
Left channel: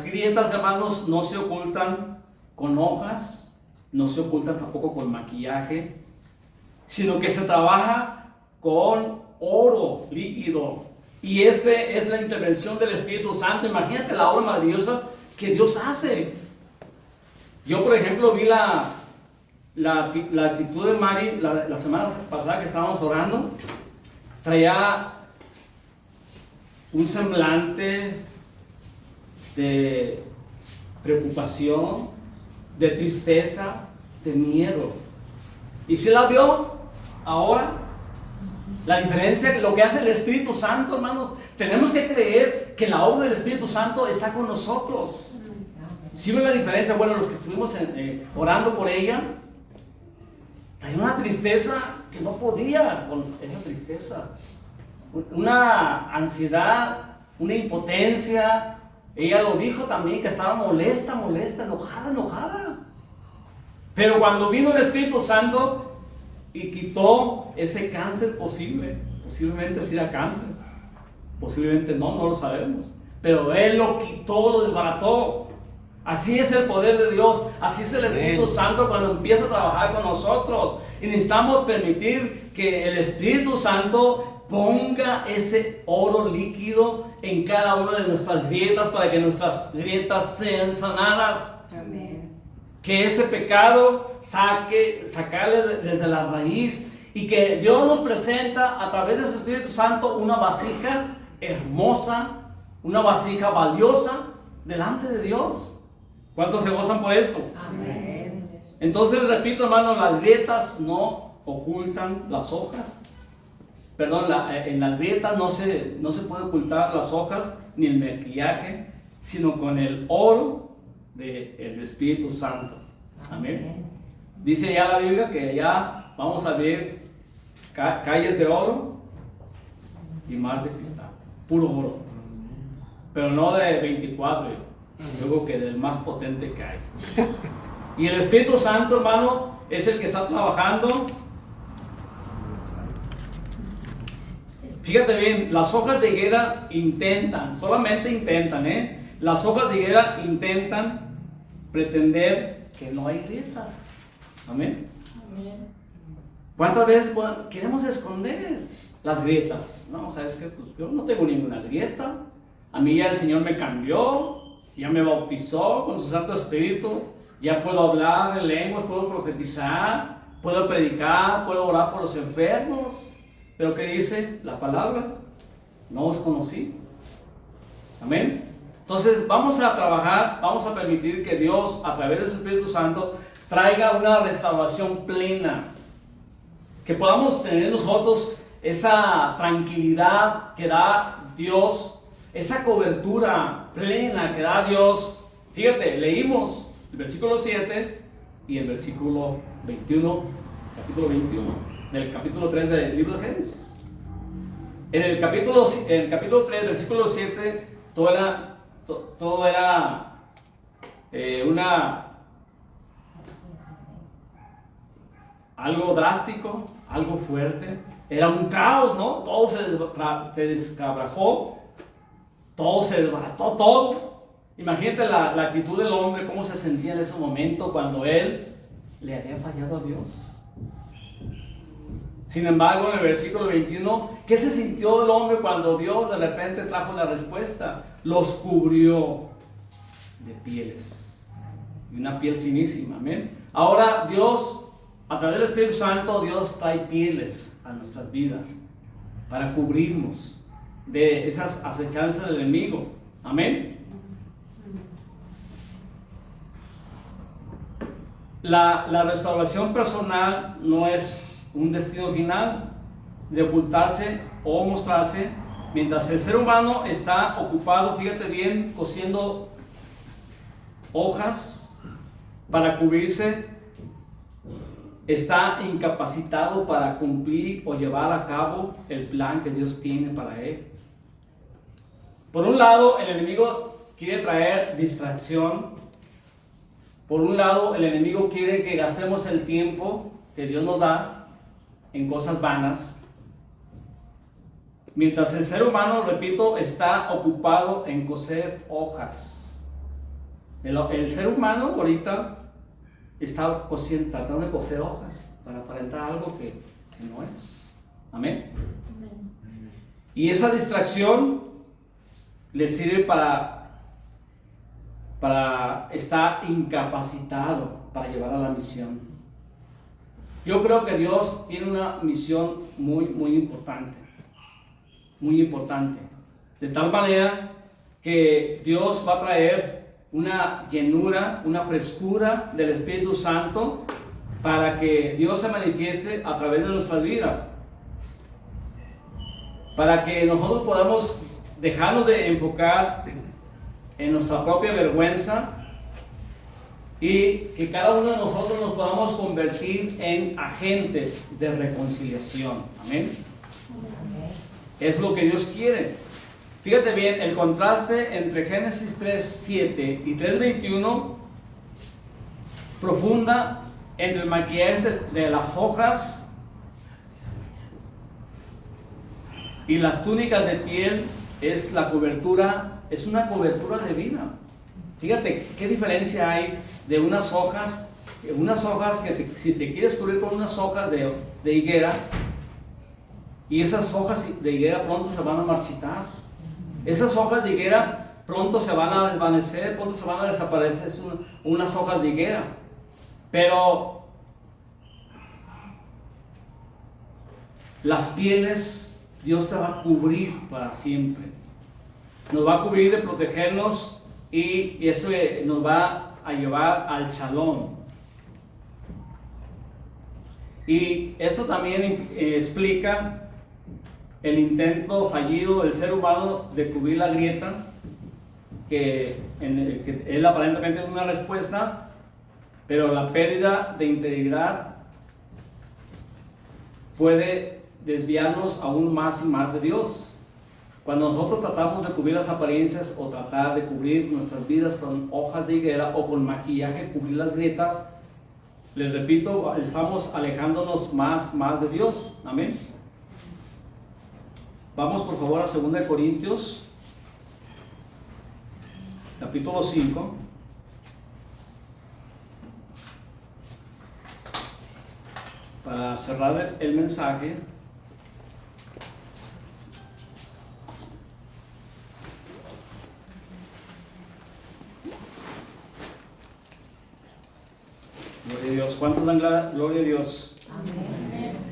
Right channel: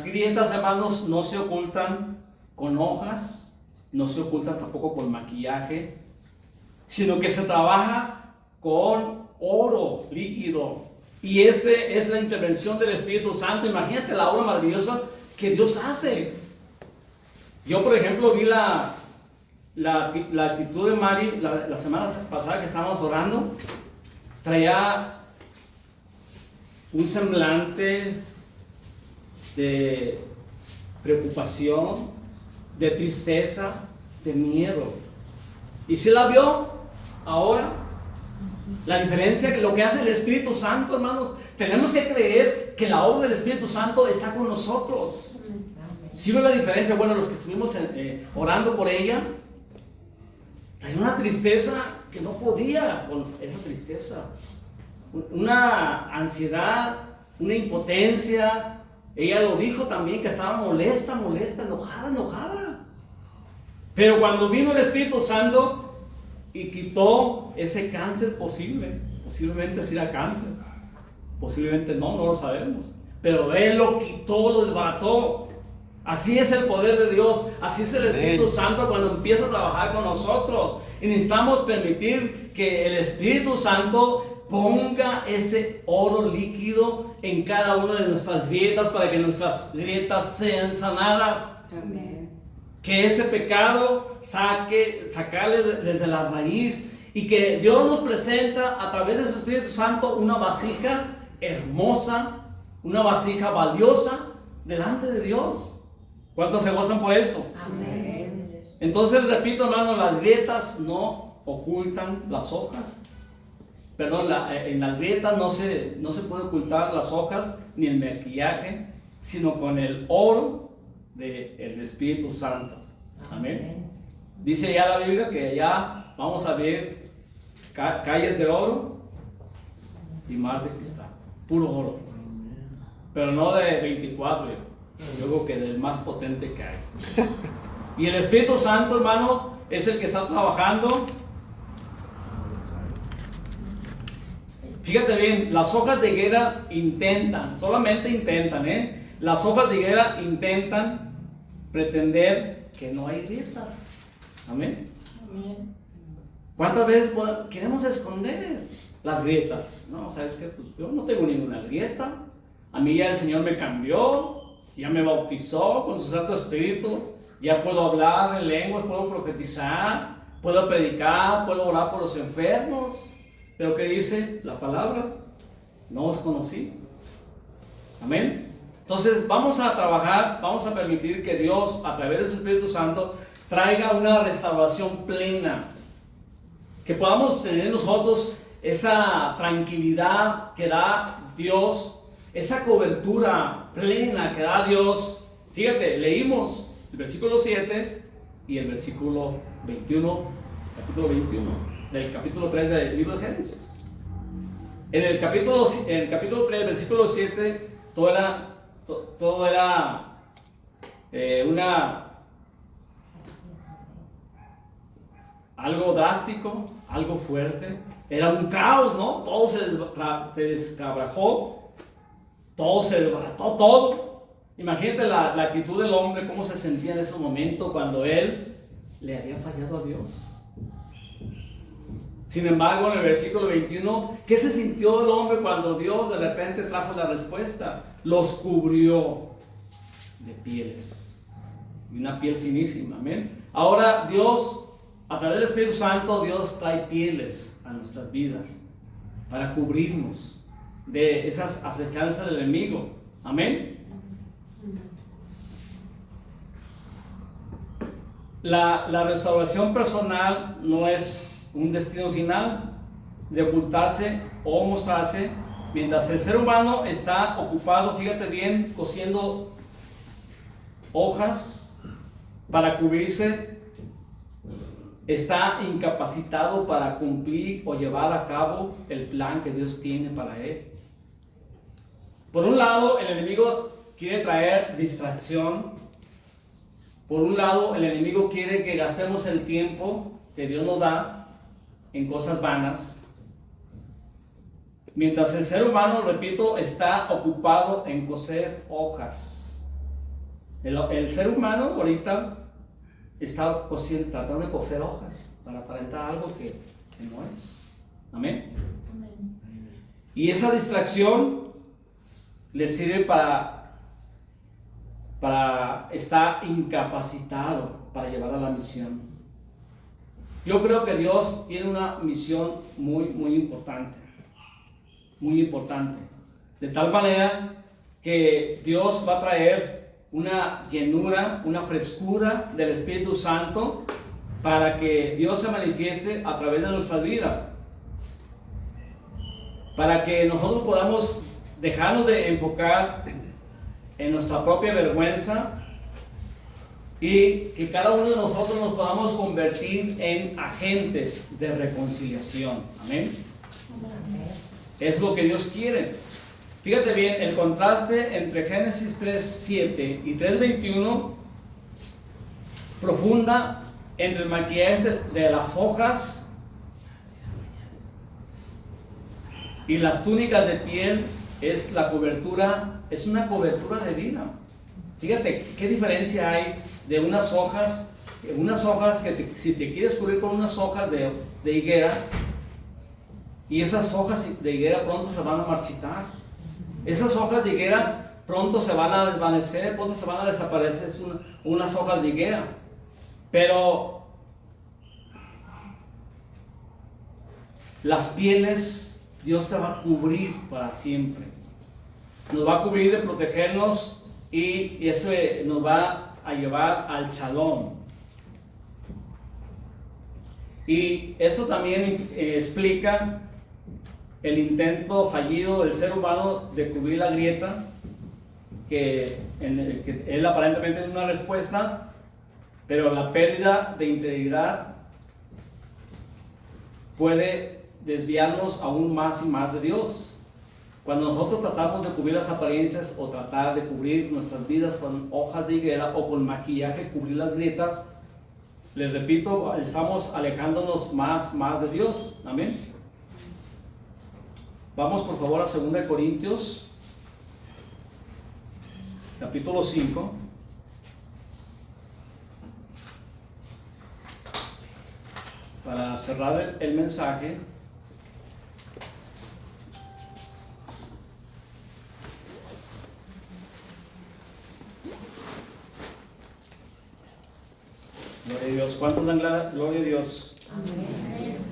grietas, hermanos, no se ocultan con hojas, no se ocultan tampoco con maquillaje, sino que se trabaja con oro líquido. Y esa es la intervención del Espíritu Santo. Imagínate la obra maravillosa que Dios hace. Yo, por ejemplo, vi la actitud de Mari la semana pasada que estábamos orando. Traía un semblante de preocupación, de tristeza, de miedo. ¿Y si la vio ahora? La diferencia, lo que hace el Espíritu Santo, hermanos, tenemos que creer que la obra del Espíritu Santo está con nosotros. ¿Sí ven la diferencia? Bueno, los que estuvimos orando por ella, tenía una tristeza que no podía con esa tristeza, una ansiedad, una impotencia. Ella lo dijo también, que estaba molesta, enojada. Pero cuando vino el Espíritu Santo y quitó ese cáncer posiblemente sí era cáncer, posiblemente no lo sabemos, pero Él lo quitó, lo desbarató. Así es el poder de Dios, así es el Espíritu Santo cuando empieza a trabajar con nosotros. Y necesitamos permitir que el Espíritu Santo ponga ese oro líquido en cada una de nuestras grietas, para que nuestras grietas sean sanadas. Amén. Que ese pecado sacarle desde la raíz, y que Dios nos presenta a través de su Espíritu Santo una vasija hermosa, una vasija valiosa delante de Dios. ¿Cuántos se gozan por eso? Amén. Entonces, repito, hermano, las grietas no ocultan las hojas. Perdón, en las grietas no se puede ocultar las hojas ni el maquillaje, sino con el oro del Espíritu Santo. Amén. Dice ya la Biblia que ya vamos a ver calles de oro y mar de cristal, puro oro, pero no de 24, yo creo que del más potente que hay. Y el Espíritu Santo, hermano, es el que está trabajando Fíjate bien, las hojas de higuera intentan, solamente intentan, las hojas de higuera intentan pretender que no hay grietas. Amén. Amén. ¿Cuántas veces queremos esconder las grietas? No, ¿sabes qué? Pues yo no tengo ninguna grieta. A mí ya el Señor me cambió, ya me bautizó con su Santo Espíritu, ya puedo hablar en lenguas, puedo profetizar, puedo predicar, puedo orar por los enfermos. Pero ¿qué dice la palabra? No os conocí. Amén. Entonces vamos a trabajar, vamos a permitir que Dios a través de su Espíritu Santo traiga una restauración plena, que podamos tener nosotros esa tranquilidad que da Dios, esa cobertura plena que da Dios. Fíjate, leímos el versículo 7 y el versículo 21, capítulo 21 del capítulo 3 del libro de Génesis. En el capítulo 3, versículo 7, todo era algo drástico, algo fuerte. Era un caos, ¿no? Todo se descabrajó, todo se desbarató, todo. Imagínate la actitud del hombre, cómo se sentía en ese momento cuando él le había fallado a Dios. Sin embargo, en el versículo 21, ¿qué se sintió el hombre cuando Dios de repente trajo la respuesta? Los cubrió de pieles, y una piel finísima, amén. Ahora Dios, a través del Espíritu Santo, Dios trae pieles a nuestras vidas para cubrirnos de esas acechanzas del enemigo, amén. La restauración personal no es un destino final de ocultarse o mostrarse, mientras el ser humano está ocupado, fíjate bien, cosiendo hojas para cubrirse, está incapacitado para cumplir o llevar a cabo el plan que Dios tiene para él. Por un lado, el enemigo quiere traer distracción. Por un lado, el enemigo quiere que gastemos el tiempo que Dios nos da en cosas vanas, mientras el ser humano, repito, está ocupado en coser hojas. El ser humano ahorita está tratando de coser hojas para aparentar algo que no es. Amén. Y esa distracción le sirve para estar incapacitado para llevar a la misión. Yo creo que Dios tiene una misión muy, muy importante, de tal manera que Dios va a traer una llenura, una frescura del Espíritu Santo para que Dios se manifieste a través de nuestras vidas, para que nosotros podamos dejarnos de enfocar en nuestra propia vergüenza y que cada uno de nosotros nos podamos convertir en agentes de reconciliación. Amén. Es lo que Dios quiere. Fíjate bien, el contraste entre Génesis 3:7 y 3:21 profunda entre el maquillaje de las hojas y las túnicas de piel es la cobertura, es una cobertura de vida. Fíjate qué diferencia hay de unas hojas que si te quieres cubrir con unas hojas de higuera, y esas hojas de higuera pronto se van a marchitar. Esas hojas de higuera pronto se van a desvanecer, pronto se van a desaparecer, unas hojas de higuera. Pero las pieles Dios te va a cubrir para siempre. Nos va a cubrir de protegernos y eso nos va a llevar al shalom. Y eso también explica el intento fallido del ser humano de cubrir la grieta, que él aparentemente tiene una respuesta, pero la pérdida de integridad puede desviarnos aún más y más de Dios. Cuando nosotros tratamos de cubrir las apariencias o tratar de cubrir nuestras vidas con hojas de higuera o con maquillaje, cubrir las grietas, les repito, estamos alejándonos más de Dios. Amén. Vamos por favor a 2 Corintios, capítulo 5. Para cerrar el mensaje. Gloria a Dios. ¿Cuántos dan gloria a Dios? Amén.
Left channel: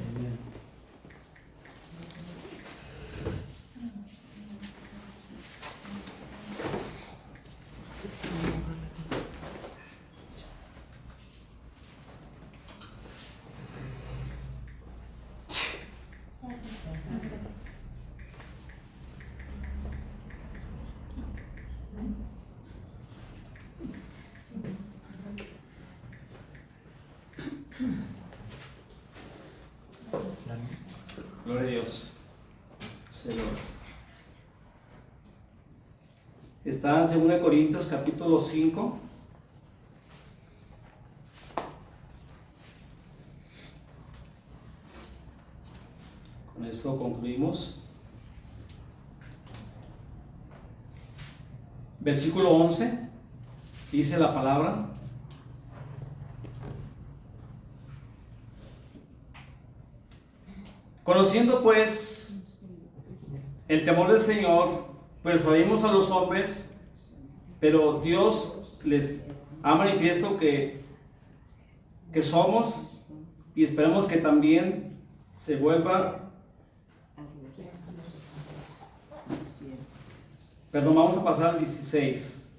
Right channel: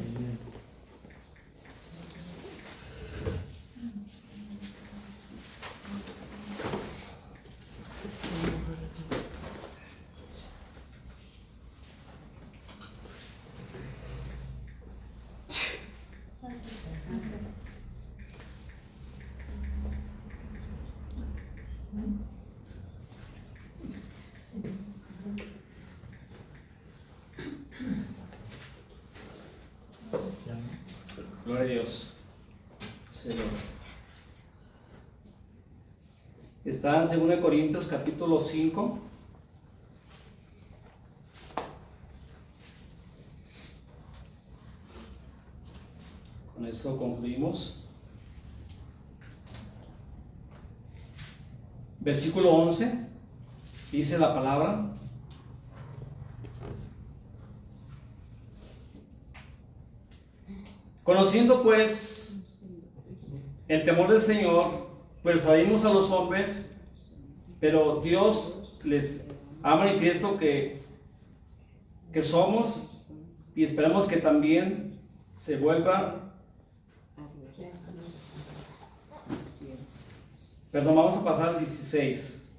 Gloria a Dios. Celos. Está en 2 Corintios capítulo 5. Con esto concluimos. Versículo 11. Dice la palabra: conociendo pues el temor del Señor, persuadimos a los hombres, pero Dios les ha manifiesto que somos, y esperamos que también se vuelva. Perdón, vamos a pasar al 16.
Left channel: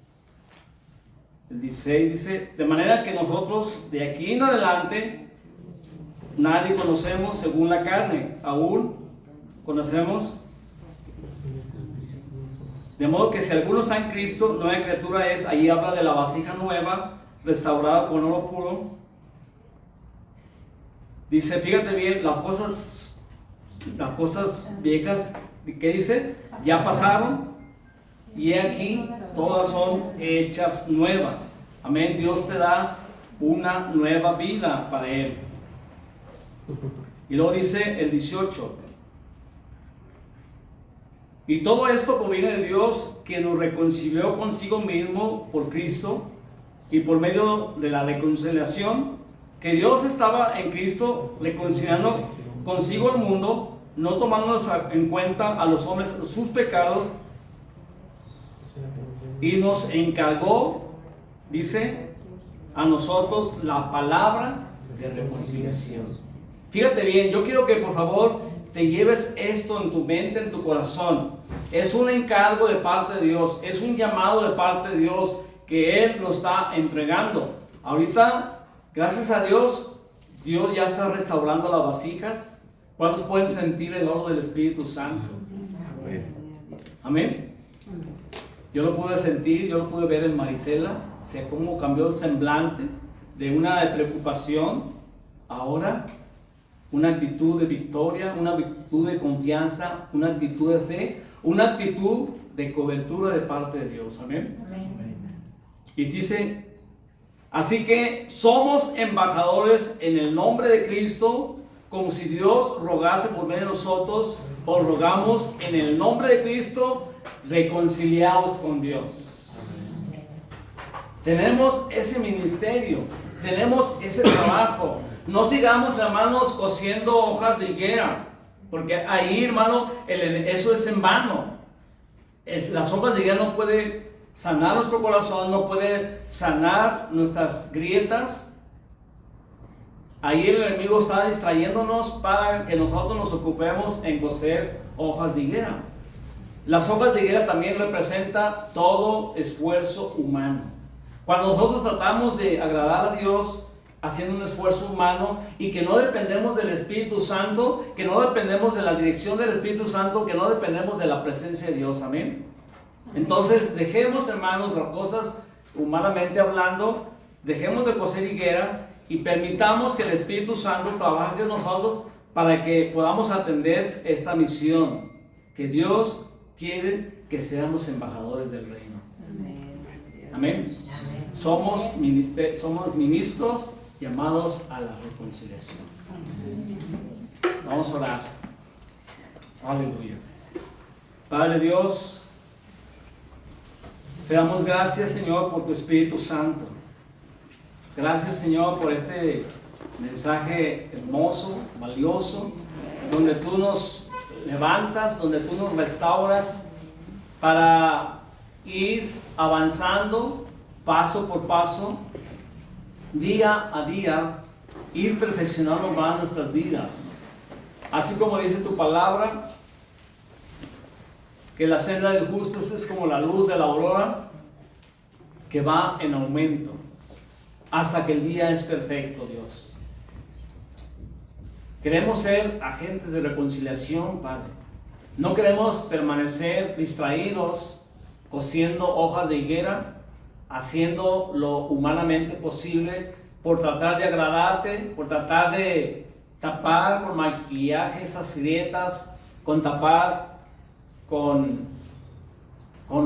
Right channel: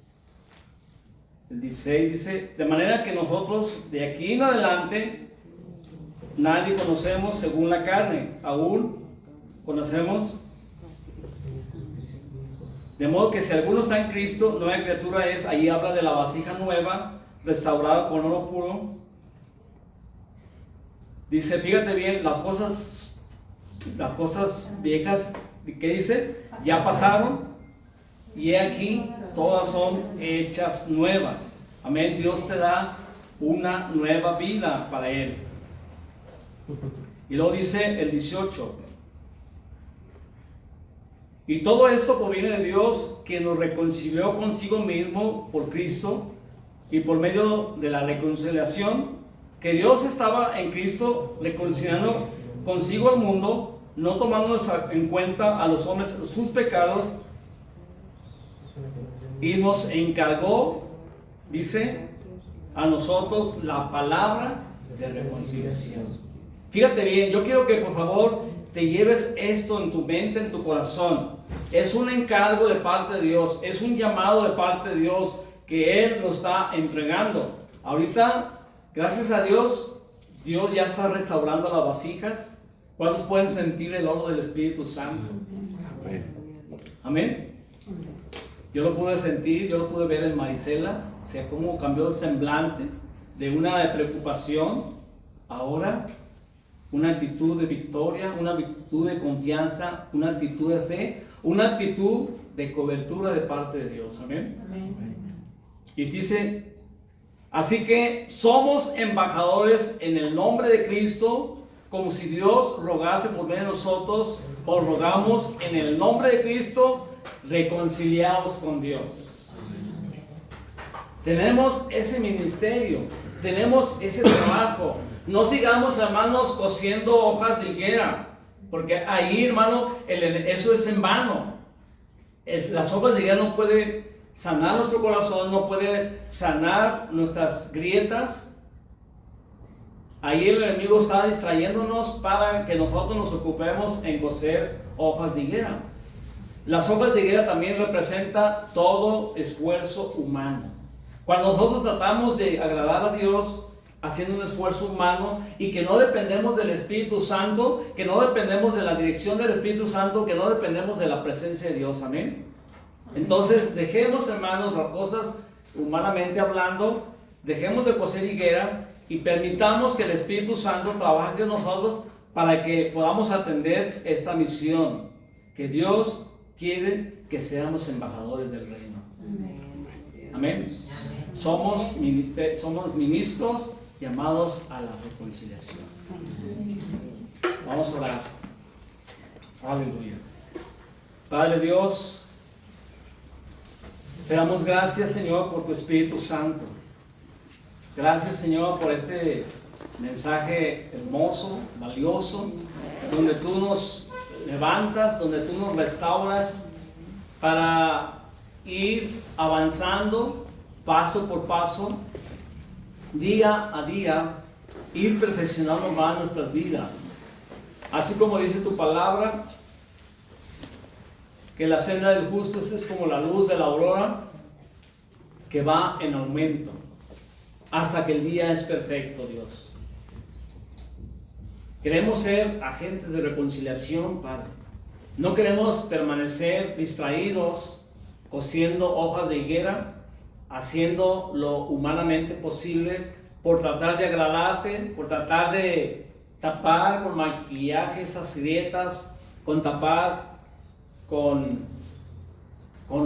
El 16 dice: de manera que nosotros de aquí en adelante nadie conocemos según la carne, aún conocemos. De modo que si alguno está en Cristo, nueva criatura es. Ahí habla de la vasija nueva, restaurada con oro puro. Dice, fíjate bien, las cosas viejas, ¿qué dice? Ya pasaron, y aquí todas son hechas nuevas. Amén. Dios te da una nueva vida para Él. Y luego dice el 18: y todo esto proviene de Dios, que nos reconcilió consigo mismo por Cristo, y por medio de la reconciliación, que Dios estaba en Cristo reconciliando consigo al mundo, no tomándonos en cuenta a los hombres sus pecados, y nos encargó, dice, a nosotros la palabra de reconciliación. Fíjate bien, yo quiero que por favor te lleves esto en tu mente, en tu corazón. Es un encargo de parte de Dios, es un llamado de parte de Dios que Él nos está entregando. Ahorita, gracias a Dios, Dios ya está restaurando las vasijas. ¿Cuántos pueden sentir el oro del Espíritu Santo? Amén. Yo lo pude sentir, yo lo pude ver en Marisela, o sea, cómo cambió el semblante de una de preocupación, ahora una actitud de victoria, una actitud de confianza, una actitud de fe, una actitud de cobertura de parte de Dios. Amén. Amén. Y dice, así que somos embajadores en el nombre de Cristo, como si Dios rogase por medio de nosotros. Os rogamos en el nombre de Cristo, reconciliaos con Dios. Tenemos ese ministerio, tenemos ese trabajo. No sigamos, hermanos, cosiendo hojas de higuera, porque ahí, hermano, eso es en vano. Las hojas de higuera no pueden sanar nuestro corazón, no puede sanar nuestras grietas. Ahí el enemigo está distrayéndonos para que nosotros nos ocupemos en coser hojas de higuera. Las hojas de higuera también representan todo esfuerzo humano. Cuando nosotros tratamos de agradar a Dios haciendo un esfuerzo humano y que no dependemos del Espíritu Santo, que no dependemos de la dirección del Espíritu Santo, que no dependemos de la presencia de Dios. Amén. Entonces dejemos, hermanos, las cosas humanamente hablando, dejemos de coser higuera y permitamos que el Espíritu Santo trabaje en nosotros para que podamos atender esta misión que Dios quiere que seamos embajadores del reino. Amén. Somos ministros llamados a la reconciliación. Vamos a orar. Aleluya. Padre Dios, te damos gracias, Señor, por tu Espíritu Santo. Gracias, Señor, por este mensaje hermoso, valioso, donde tú nos levantas, donde tú nos restauras para ir avanzando paso por paso, día a día, ir perfeccionando más nuestras vidas. Así como dice tu palabra, que la senda del justo es como la luz de la aurora, que va en aumento, hasta que el día es perfecto, Dios. Queremos ser agentes de reconciliación, Padre. No queremos permanecer distraídos, cosiendo hojas de higuera, haciendo lo humanamente posible por tratar de agradarte, por tratar de tapar con maquillaje esas grietas, con tapar con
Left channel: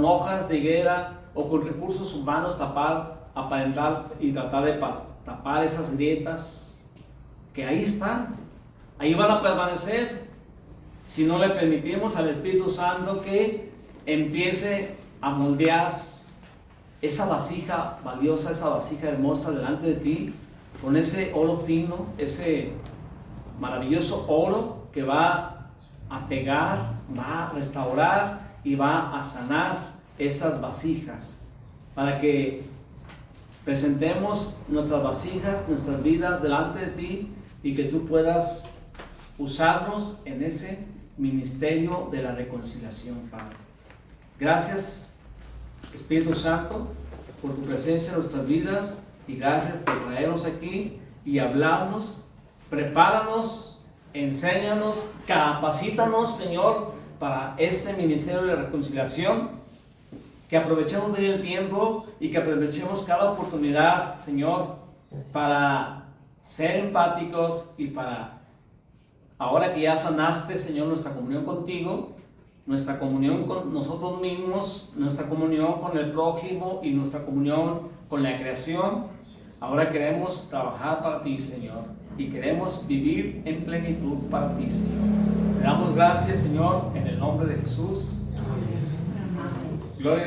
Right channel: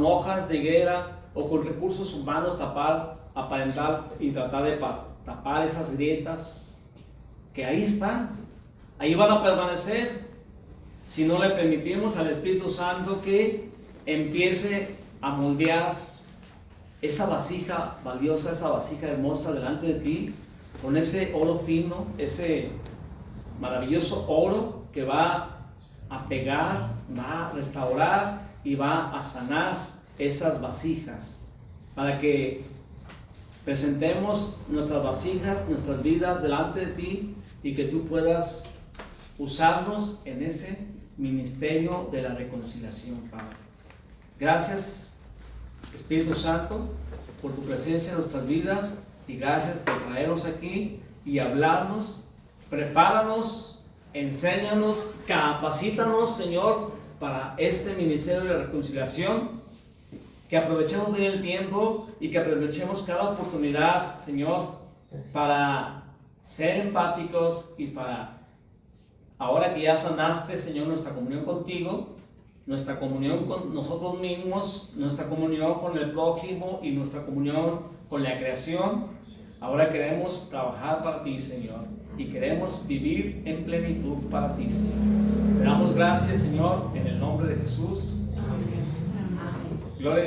hojas de higuera o con recursos humanos, aparentar y tratar de tapar esas grietas que ahí están, ahí van a permanecer si no le permitimos al Espíritu Santo que empiece a moldear esa vasija valiosa, esa vasija hermosa delante de ti, con ese oro fino, ese maravilloso oro que va a pegar, va a restaurar y va a sanar esas vasijas, para que presentemos nuestras vasijas, nuestras vidas delante de ti y que tú puedas usarnos en ese ministerio de la reconciliación, Padre. Gracias, Espíritu Santo, por tu presencia en nuestras vidas, y gracias por traernos aquí y hablarnos. Prepáranos, enséñanos, capacítanos, Señor, para este ministerio de la reconciliación. Que aprovechemos bien el tiempo y que aprovechemos cada oportunidad, Señor, para ser empáticos y para, ahora que ya sanaste, Señor, nuestra comunión contigo, nuestra comunión con nosotros mismos, nuestra comunión con el prójimo y nuestra comunión con la creación, ahora queremos trabajar para ti, Señor, y queremos vivir en plenitud para ti, Señor. Te damos gracias, Señor, en el nombre de Jesús. Gloria a Dios.